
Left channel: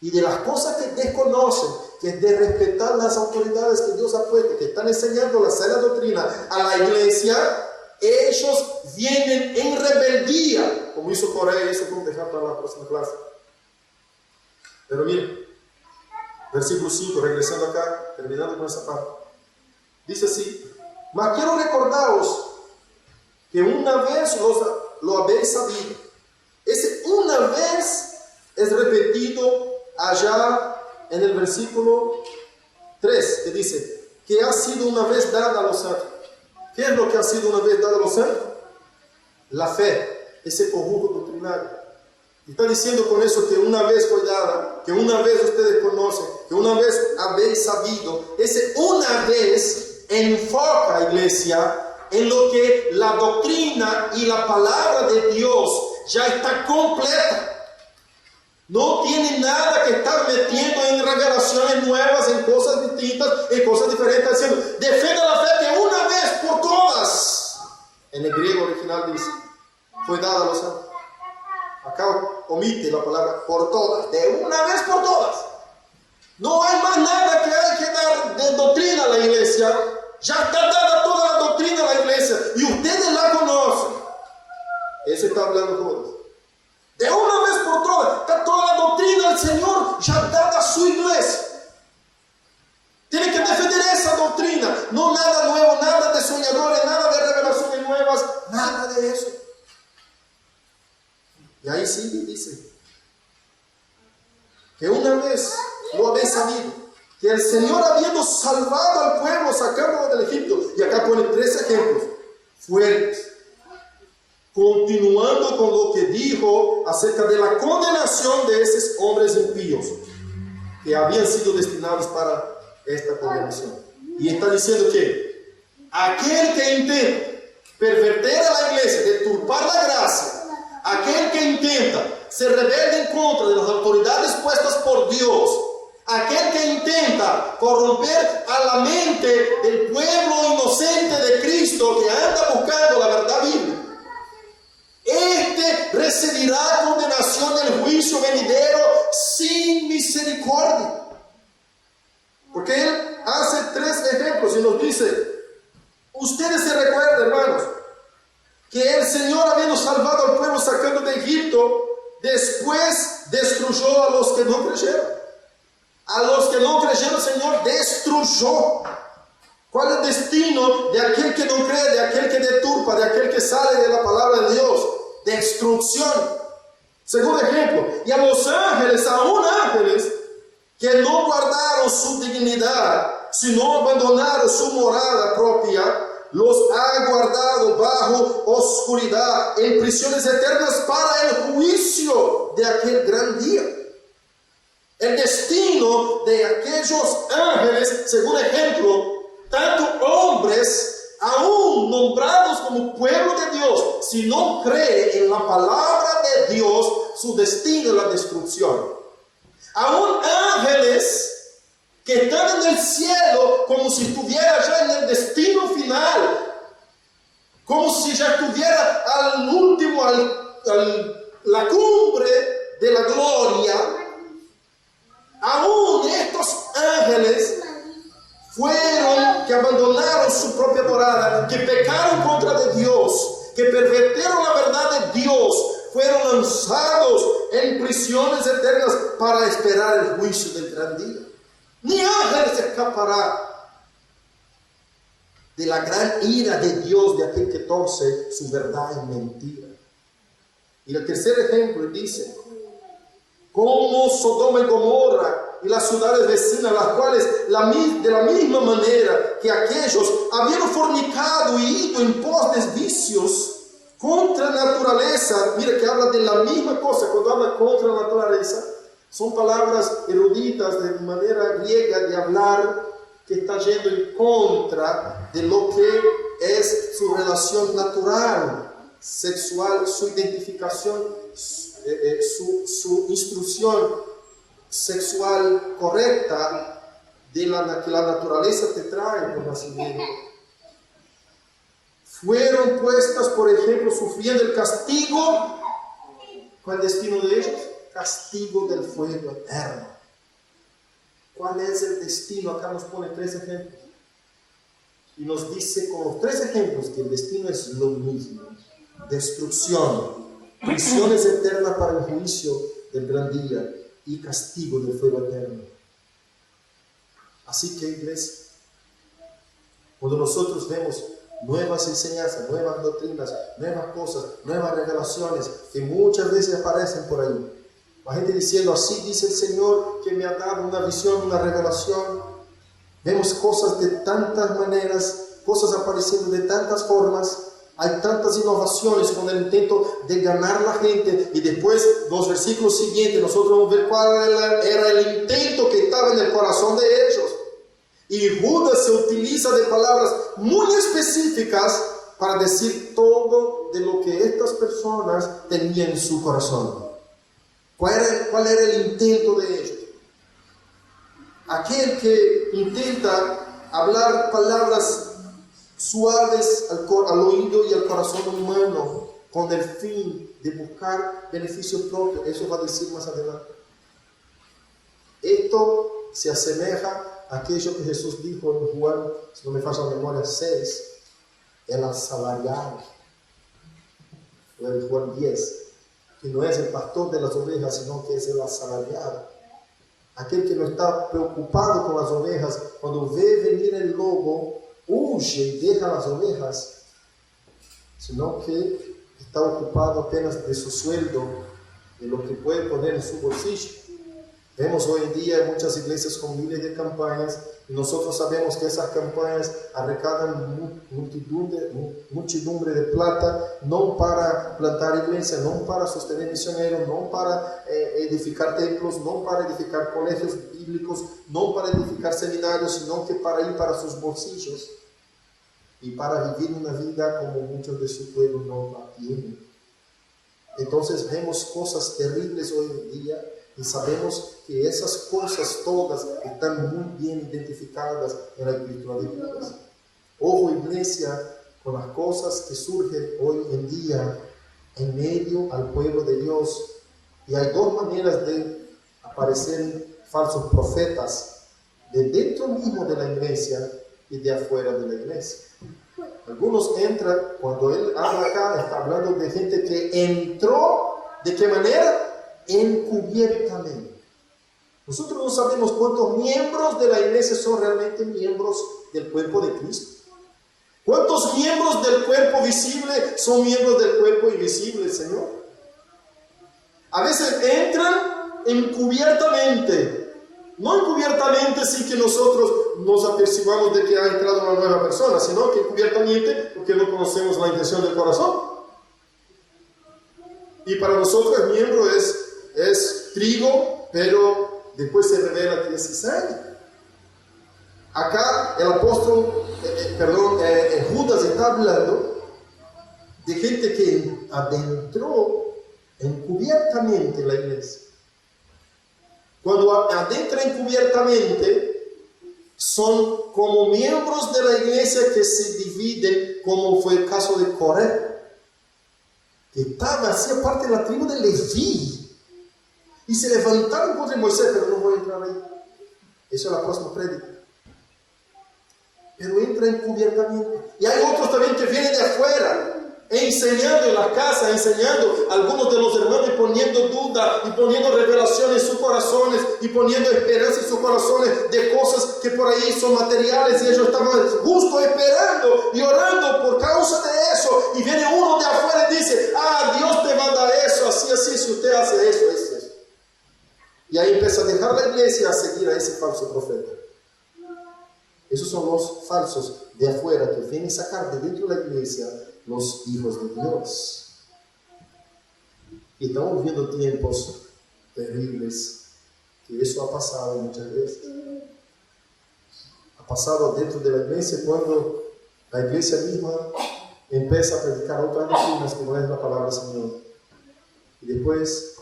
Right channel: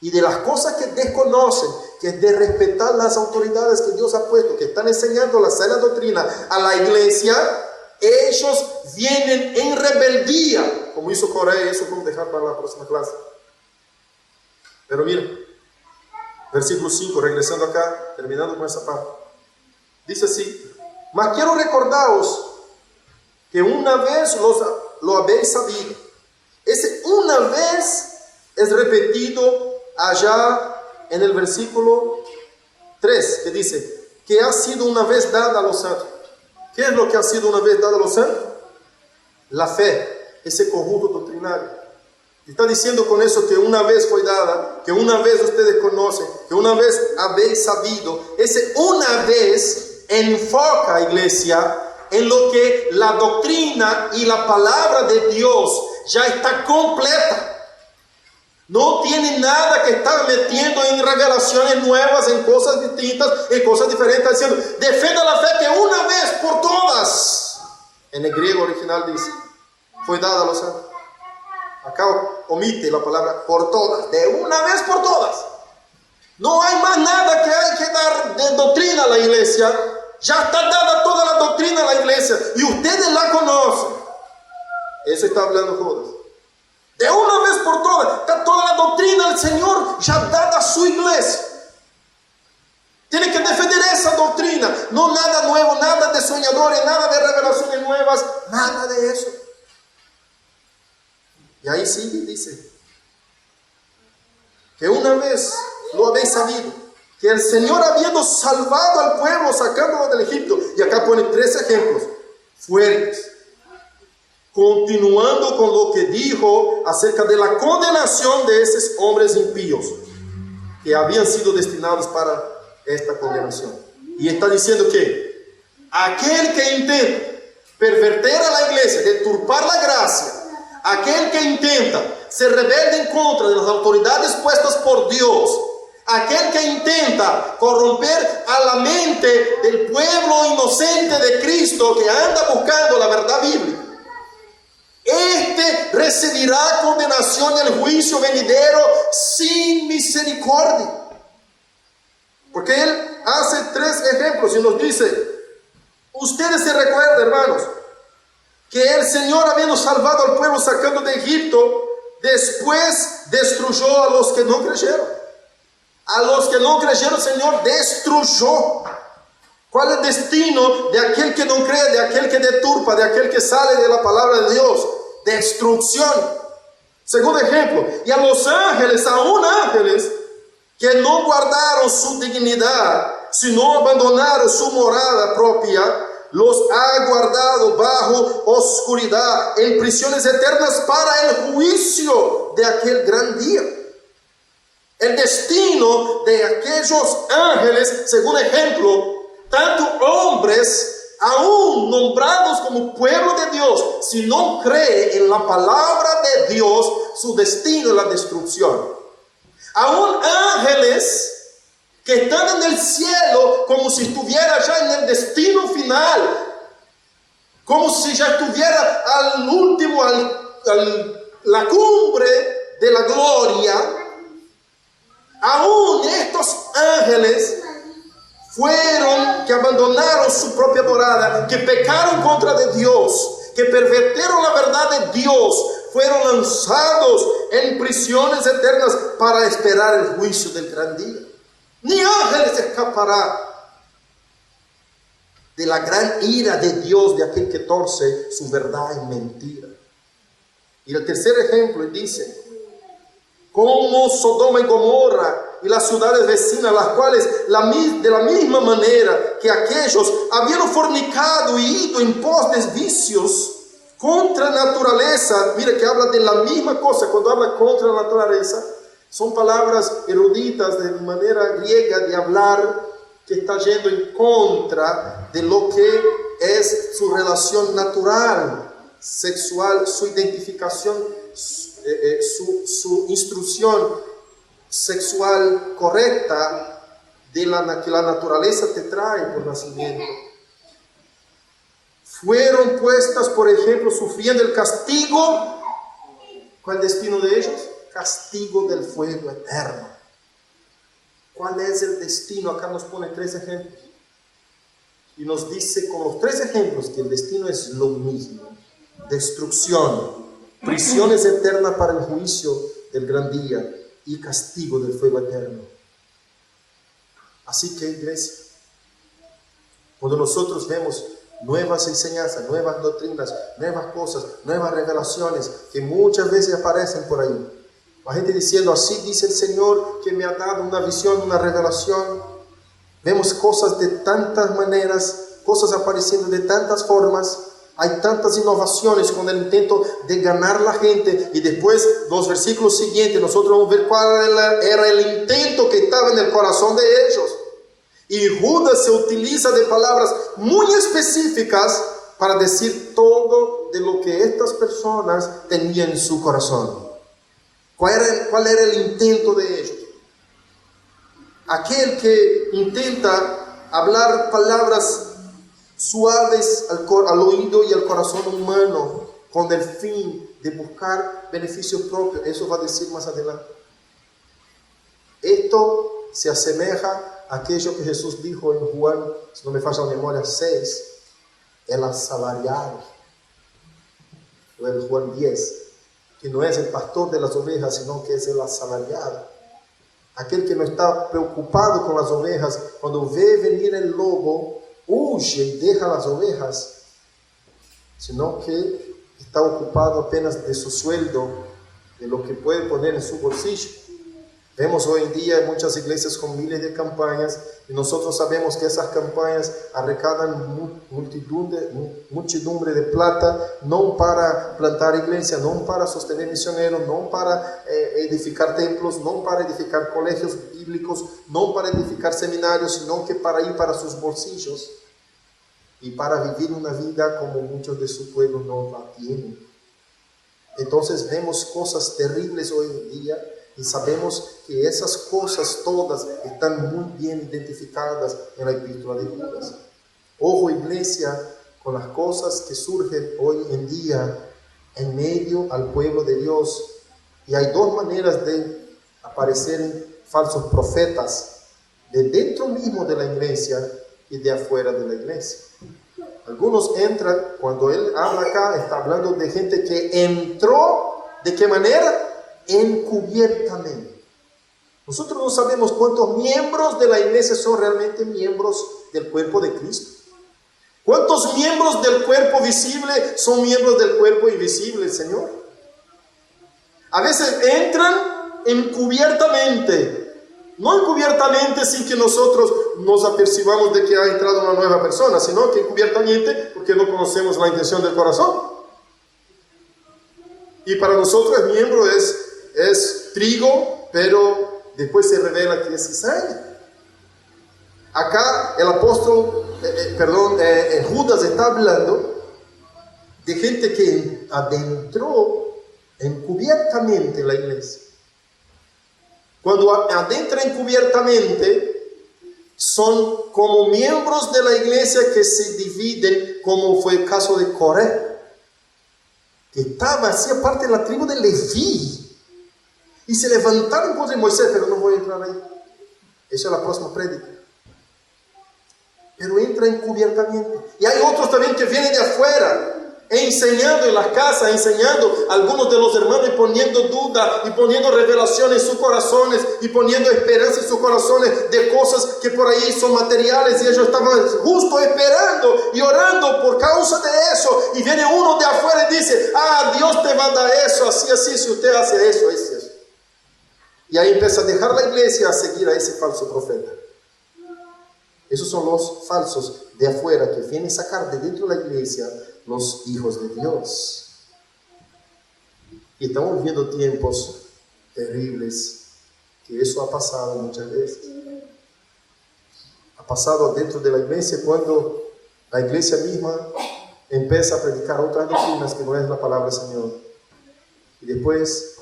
Y de las cosas que desconocen, que es de respetar las autoridades que Dios ha puesto, que están enseñando la sana doctrina a la iglesia, ellos vienen en rebeldía, como hizo Corea. Eso vamos a dejar para la próxima clase. Pero miren, versículo 5, regresando acá, terminando con esa parte. Dice así, mas quiero recordaros que una vez lo habéis sabido. Ese una vez es repetido allá en el versículo 3, que dice, que ha sido una vez dada a los santos. ¿Qué es lo que ha sido una vez dada a los santos? La fe, ese conjunto doctrinario. Está diciendo con eso que una vez fue dada, que una vez ustedes conocen, que una vez habéis sabido. Ese una vez enfoca, iglesia, en lo que la doctrina y la palabra de Dios ya está completa. No tiene nada que estar metiendo en revelaciones nuevas, en cosas distintas, en cosas diferentes. Está diciendo, defienda la fe que una vez por todas, en el griego original dice, fue dada a los santos. Acá omite la palabra por todas, de una vez por todas. No hay más nada que hay que dar de doctrina a la iglesia. Ya está dada toda la doctrina a la iglesia y ustedes la conocen. Eso está hablando Judas. De una vez por todas, está toda la doctrina del Señor ya dada a su iglesia. Tienen que defender esa doctrina, no nada nuevo, nada de soñadores, nada de revelaciones nuevas, nada de eso. Y ahí sigue, dice, que una vez lo habéis sabido, que el Señor habiendo salvado al pueblo, sacándolo del Egipto, y acá pone 3 ejemplos fuertes, continuando con lo que dijo acerca de la condenación de esos hombres impíos, que habían sido destinados para esta condenación. Y está diciendo que aquel que intente pervertir a la iglesia, deturpar la gracia, aquel que intenta se rebelde en contra de las autoridades puestas por Dios, aquel que intenta corromper a la mente del pueblo inocente de Cristo que anda buscando la verdad bíblica, este recibirá condenación en el juicio venidero sin misericordia. Porque él hace 3 ejemplos y nos dice, ustedes se recuerdan, hermanos, que el Señor, habiendo salvado al pueblo sacando de Egipto, después destruyó a los que no creyeron. A los que no creyeron, el Señor destruyó. ¿Cuál es el destino de aquel que no cree, de aquel que deturpa, de aquel que sale de la palabra de Dios? Destrucción. Segundo ejemplo, y a los ángeles, aún ángeles, que no guardaron su dignidad, sino abandonaron su morada propia, los ha guardado bajo oscuridad, en prisiones eternas para el juicio de aquel gran día. El destino de aquellos ángeles, según ejemplo, tanto hombres aún nombrados como pueblo de Dios, si no cree en la palabra de Dios, su destino es la destrucción. Aún ángeles que están en el cielo como si estuviera ya en el destino final, como si ya estuviera al último, la cumbre de la gloria. Aún estos ángeles fueron que abandonaron su propia morada, que pecaron contra de Dios, que pervertieron la verdad de Dios, fueron lanzados en prisiones eternas para esperar el juicio del gran día. Ni ángeles escapará de la gran ira de Dios, de aquel que torce su verdad en mentira. Y el tercer ejemplo dice, como Sodoma y Gomorra y las ciudades vecinas, las cuales de la misma manera que aquellos habían fornicado y ido en pos de vicios contra naturaleza. Mira que habla de la misma cosa. Cuando habla contra la naturaleza, son palabras eruditas de manera griega de hablar que está yendo en contra de lo que es su relación natural, sexual, su identificación, su instrucción sexual correcta de que la naturaleza te trae por nacimiento. Fueron puestas, por ejemplo, sufriendo el castigo. ¿Cuál es el destino de ellos? Castigo del fuego eterno. ¿Cuál es el destino? Acá nos pone 3 ejemplos. Y nos dice con los 3 ejemplos que el destino es lo mismo. Destrucción, prisiones eternas para el juicio del gran día y castigo del fuego eterno. Así que, iglesia, cuando nosotros vemos nuevas enseñanzas, nuevas doctrinas, nuevas cosas, nuevas revelaciones que muchas veces aparecen por ahí, la gente diciendo, así dice el Señor que me ha dado una visión, una revelación. Vemos cosas de tantas maneras, cosas apareciendo de tantas formas. Hay tantas innovaciones con el intento de ganar la gente. Y después, los versículos siguientes, nosotros vamos a ver cuál era el intento que estaba en el corazón de ellos. Y Judas se utiliza de palabras muy específicas para decir todo de lo que estas personas tenían en su corazón. ¿Cuál era el intento de ellos? Aquel que intenta hablar palabras suaves al oído y al corazón humano con el fin de buscar beneficio propio. Eso va a decir más adelante. Esto se asemeja a aquello que Jesús dijo en Juan, si no me falla la memoria, 6, el asalariado, o en Juan 10, que no es el pastor de las ovejas, sino que es el asalariado. Aquel que no está preocupado con las ovejas, cuando ve venir el lobo, huye y deja las ovejas, sino que está ocupado apenas de su sueldo, de lo que puede poner en su bolsillo. Vemos hoy en día en muchas iglesias con miles de campañas, y nosotros sabemos que esas campañas arrecaudan muchedumbre de plata, no para plantar iglesias, no para sostener misioneros, no para edificar templos, no para edificar colegios bíblicos, no para edificar seminarios, sino que para ir para sus bolsillos y para vivir una vida como muchos de su pueblo no la tienen. entonces vemos cosas terribles hoy en día y sabemos que esas cosas todas están muy bien identificadas en la epístola de Judas. Ojo, iglesia, con las cosas que surgen hoy en día en medio al pueblo de Dios. Y hay dos maneras de aparecer falsos profetas, de dentro mismo de la iglesia y de afuera de la iglesia. Algunos entran, cuando él habla acá, está hablando de gente que entró, ¿de qué manera? Encubiertamente. Nosotros no sabemos cuántos miembros de la iglesia son realmente miembros del cuerpo de Cristo. ¿Cuántos miembros del cuerpo visible son miembros del cuerpo invisible, Señor? A veces entran encubiertamente. No encubiertamente sin que nosotros nos apercibamos de que ha entrado una nueva persona, sino que encubiertamente porque no conocemos la intención del corazón. Y para nosotros el miembro es trigo, pero después se revela que es cizaña. Acá el apóstol, Judas está hablando de gente que adentró encubiertamente la iglesia. Cuando adentra encubiertamente, son como miembros de la iglesia que se dividen, como fue el caso de Coré, que hacía parte de la tribu de Leví, y se levantaron contra Moisés, pero no voy a entrar ahí. Esa es la próxima prédica. Pero entra encubiertamente. Y hay otros también que vienen de afuera, enseñando en las casas, enseñando a algunos de los hermanos y poniendo duda y poniendo revelación en sus corazones y poniendo esperanza en sus corazones de cosas que por ahí son materiales, y ellos estaban justo esperando y orando por causa de eso, y viene uno de afuera y dice: Dios te va a dar eso, así, si usted hace eso, eso. Y ahí empieza a dejar la iglesia a seguir a ese falso profeta. Esos son los falsos de afuera que vienen a sacar de dentro de la iglesia los hijos de Dios. Y estamos viviendo tiempos terribles, que eso ha pasado muchas veces. Ha pasado dentro de la iglesia cuando la iglesia misma empieza a predicar otras doctrinas que no es la palabra del Señor. Y después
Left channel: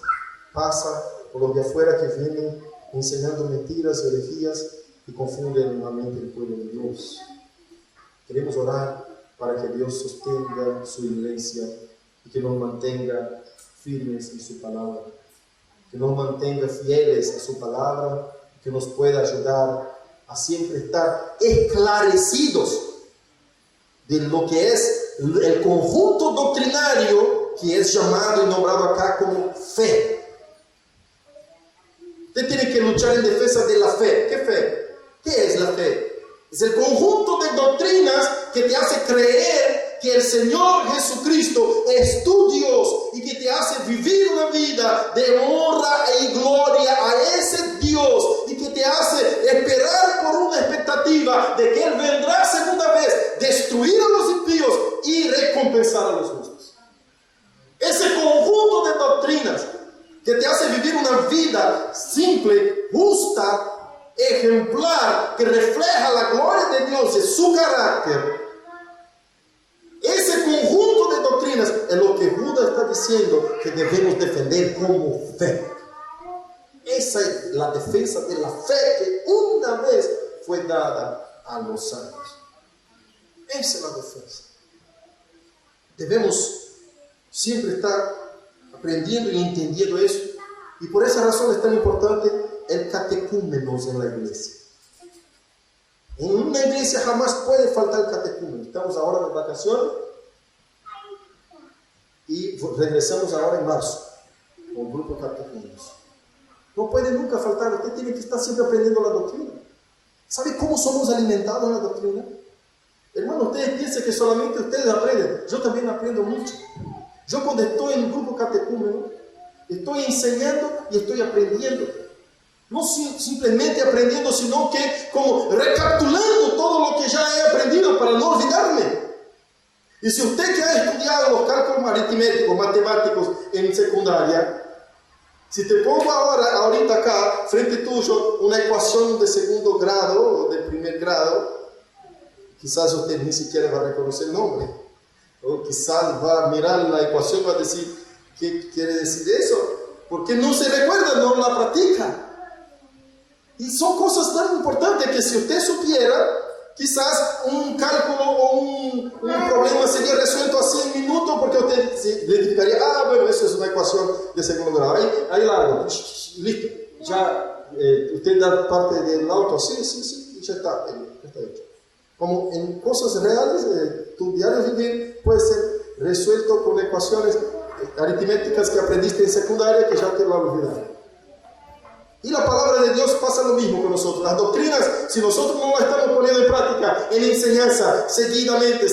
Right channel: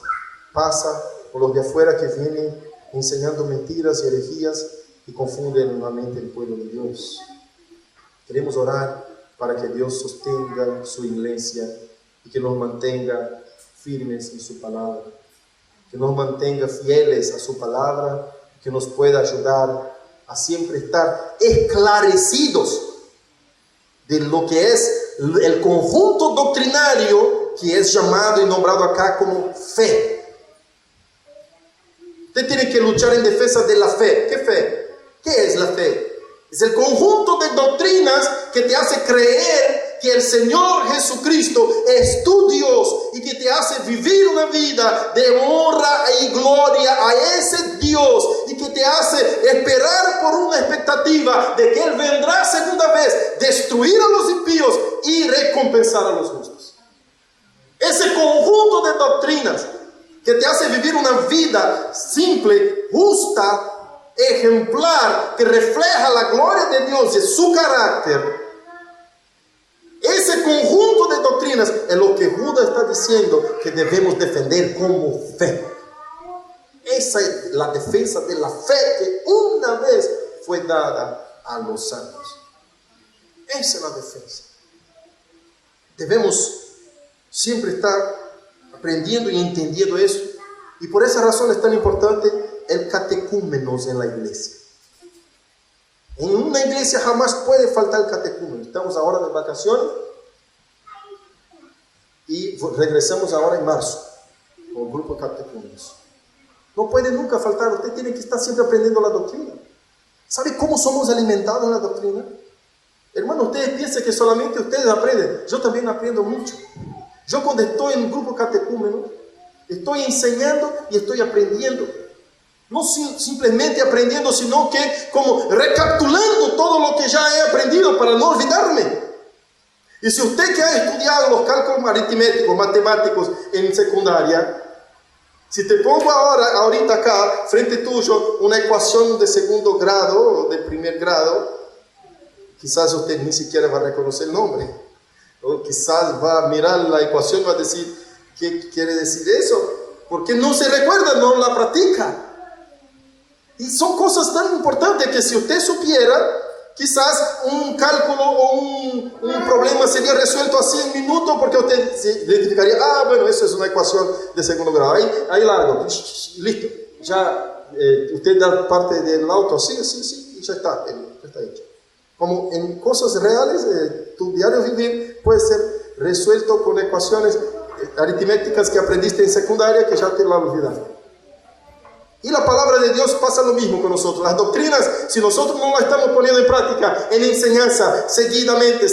pasa por los de afuera que vienen enseñando mentiras y herejías y confunden nuevamente el pueblo de Dios. Queremos orar para que Dios sostenga su iglesia y que nos mantenga firmes en su palabra, que nos mantenga fieles a su palabra, que nos pueda ayudar a siempre estar esclarecidos de lo que es el conjunto doctrinario que es llamado y nombrado acá como fe. Usted tiene que luchar en defensa de la fe. ¿Qué fe? ¿Qué es la fe? Es el conjunto de doctrinas que te hace creer que el Señor Jesucristo es tu Dios y que te hace vivir una vida de honra y gloria a ese Dios, y que te hace esperar por una expectativa de que Él vendrá segunda vez, destruir a los impíos y recompensar a los justos. Ese conjunto de doctrinas que te hace vivir una vida simple, justa, ejemplar, que refleja la gloria de Dios y su carácter. Ese conjunto de doctrinas es lo que Judas está diciendo que debemos defender como fe. Esa es la defensa de la fe que una vez fue dada a los santos. Esa es la defensa. Debemos siempre estar aprendiendo y entendiendo eso, y por esa razón es tan importante el catecúmenos en la iglesia. En una iglesia jamás puede faltar el catecúmenos. Estamos ahora de vacaciones y regresamos ahora en marzo con el grupo catecúmenos. No puede nunca faltar. Usted tiene que estar siempre aprendiendo la doctrina. ¿Sabe cómo somos alimentados en la doctrina? Hermano, ustedes piensan que solamente ustedes aprenden. Yo también aprendo mucho. Yo cuando estoy en un grupo catecúmeno, estoy enseñando y estoy aprendiendo. No simplemente aprendiendo, sino que como recapitulando todo lo que ya he aprendido para no olvidarme. Y si usted que ha estudiado los cálculos aritméticos, matemáticos en secundaria, si te pongo ahorita acá, frente tuyo, una ecuación de segundo grado o de primer grado, quizás usted ni siquiera va a reconocer el nombre. O quizás va a mirar la ecuación y va a decir: ¿Qué quiere decir eso? Porque no se recuerda, no la practica. Y son cosas tan importantes que si usted supiera, quizás un cálculo o un problema sería resuelto así en minutos, porque usted se identificaría, bueno, eso es una ecuación de segundo grado. Ahí largo, listo. Ya usted da parte del auto, sí, y ya está hecho. Como en cosas reales, tu diario vivir puede ser resuelto con ecuaciones aritméticas que aprendiste en secundaria que ya te lo olvidaste. Y la palabra de Dios pasa lo mismo con nosotros. Las doctrinas, si nosotros no las estamos poniendo en práctica, en enseñanza, seguidamente,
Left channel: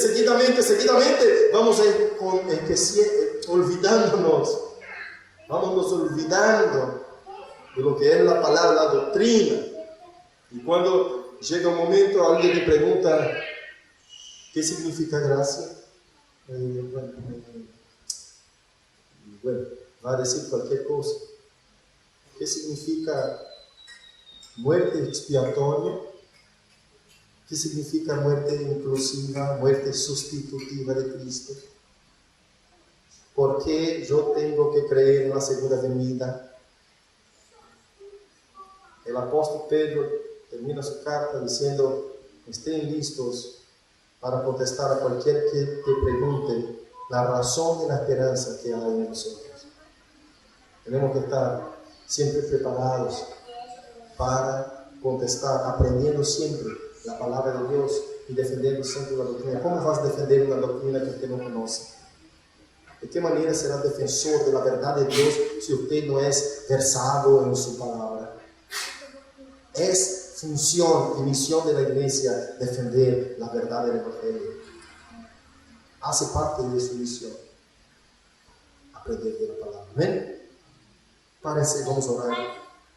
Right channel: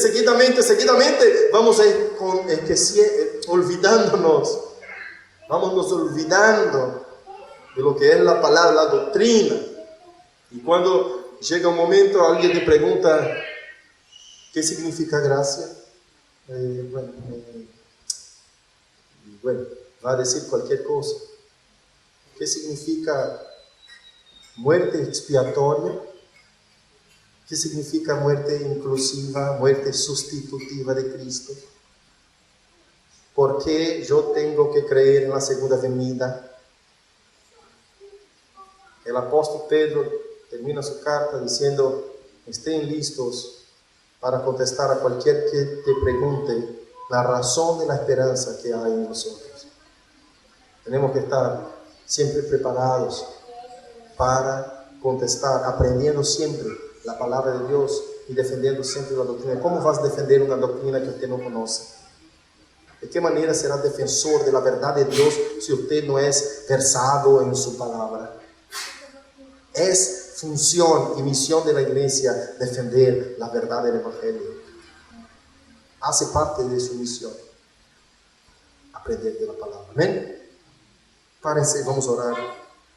vamos a ir olvidándonos. Vamos olvidando de lo que es la palabra, la doctrina. Y cuando llega un momento, alguien te pregunta, ¿qué significa gracia? Bueno, va a decir cualquier cosa. ¿Qué significa muerte expiatoria? ¿Qué significa muerte inclusiva, muerte sustitutiva de Cristo? ¿Por qué yo tengo que creer en la segunda venida? El apóstol Pedro termina su carta diciendo, estén listos para contestar a cualquier que te pregunte la razón de la esperanza que hay en nosotros. Tenemos que estar siempre preparados para contestar, aprendiendo siempre la palabra de Dios y defendiendo siempre la doctrina. ¿Cómo vas a defender una doctrina que usted no conoce? ¿De qué manera será defensor de la verdad de Dios si usted no es versado en su palabra? Es función y misión de la iglesia defender la verdad del Evangelio. Hace parte de su misión aprender de la palabra. Amén. Párense, vamos a orar.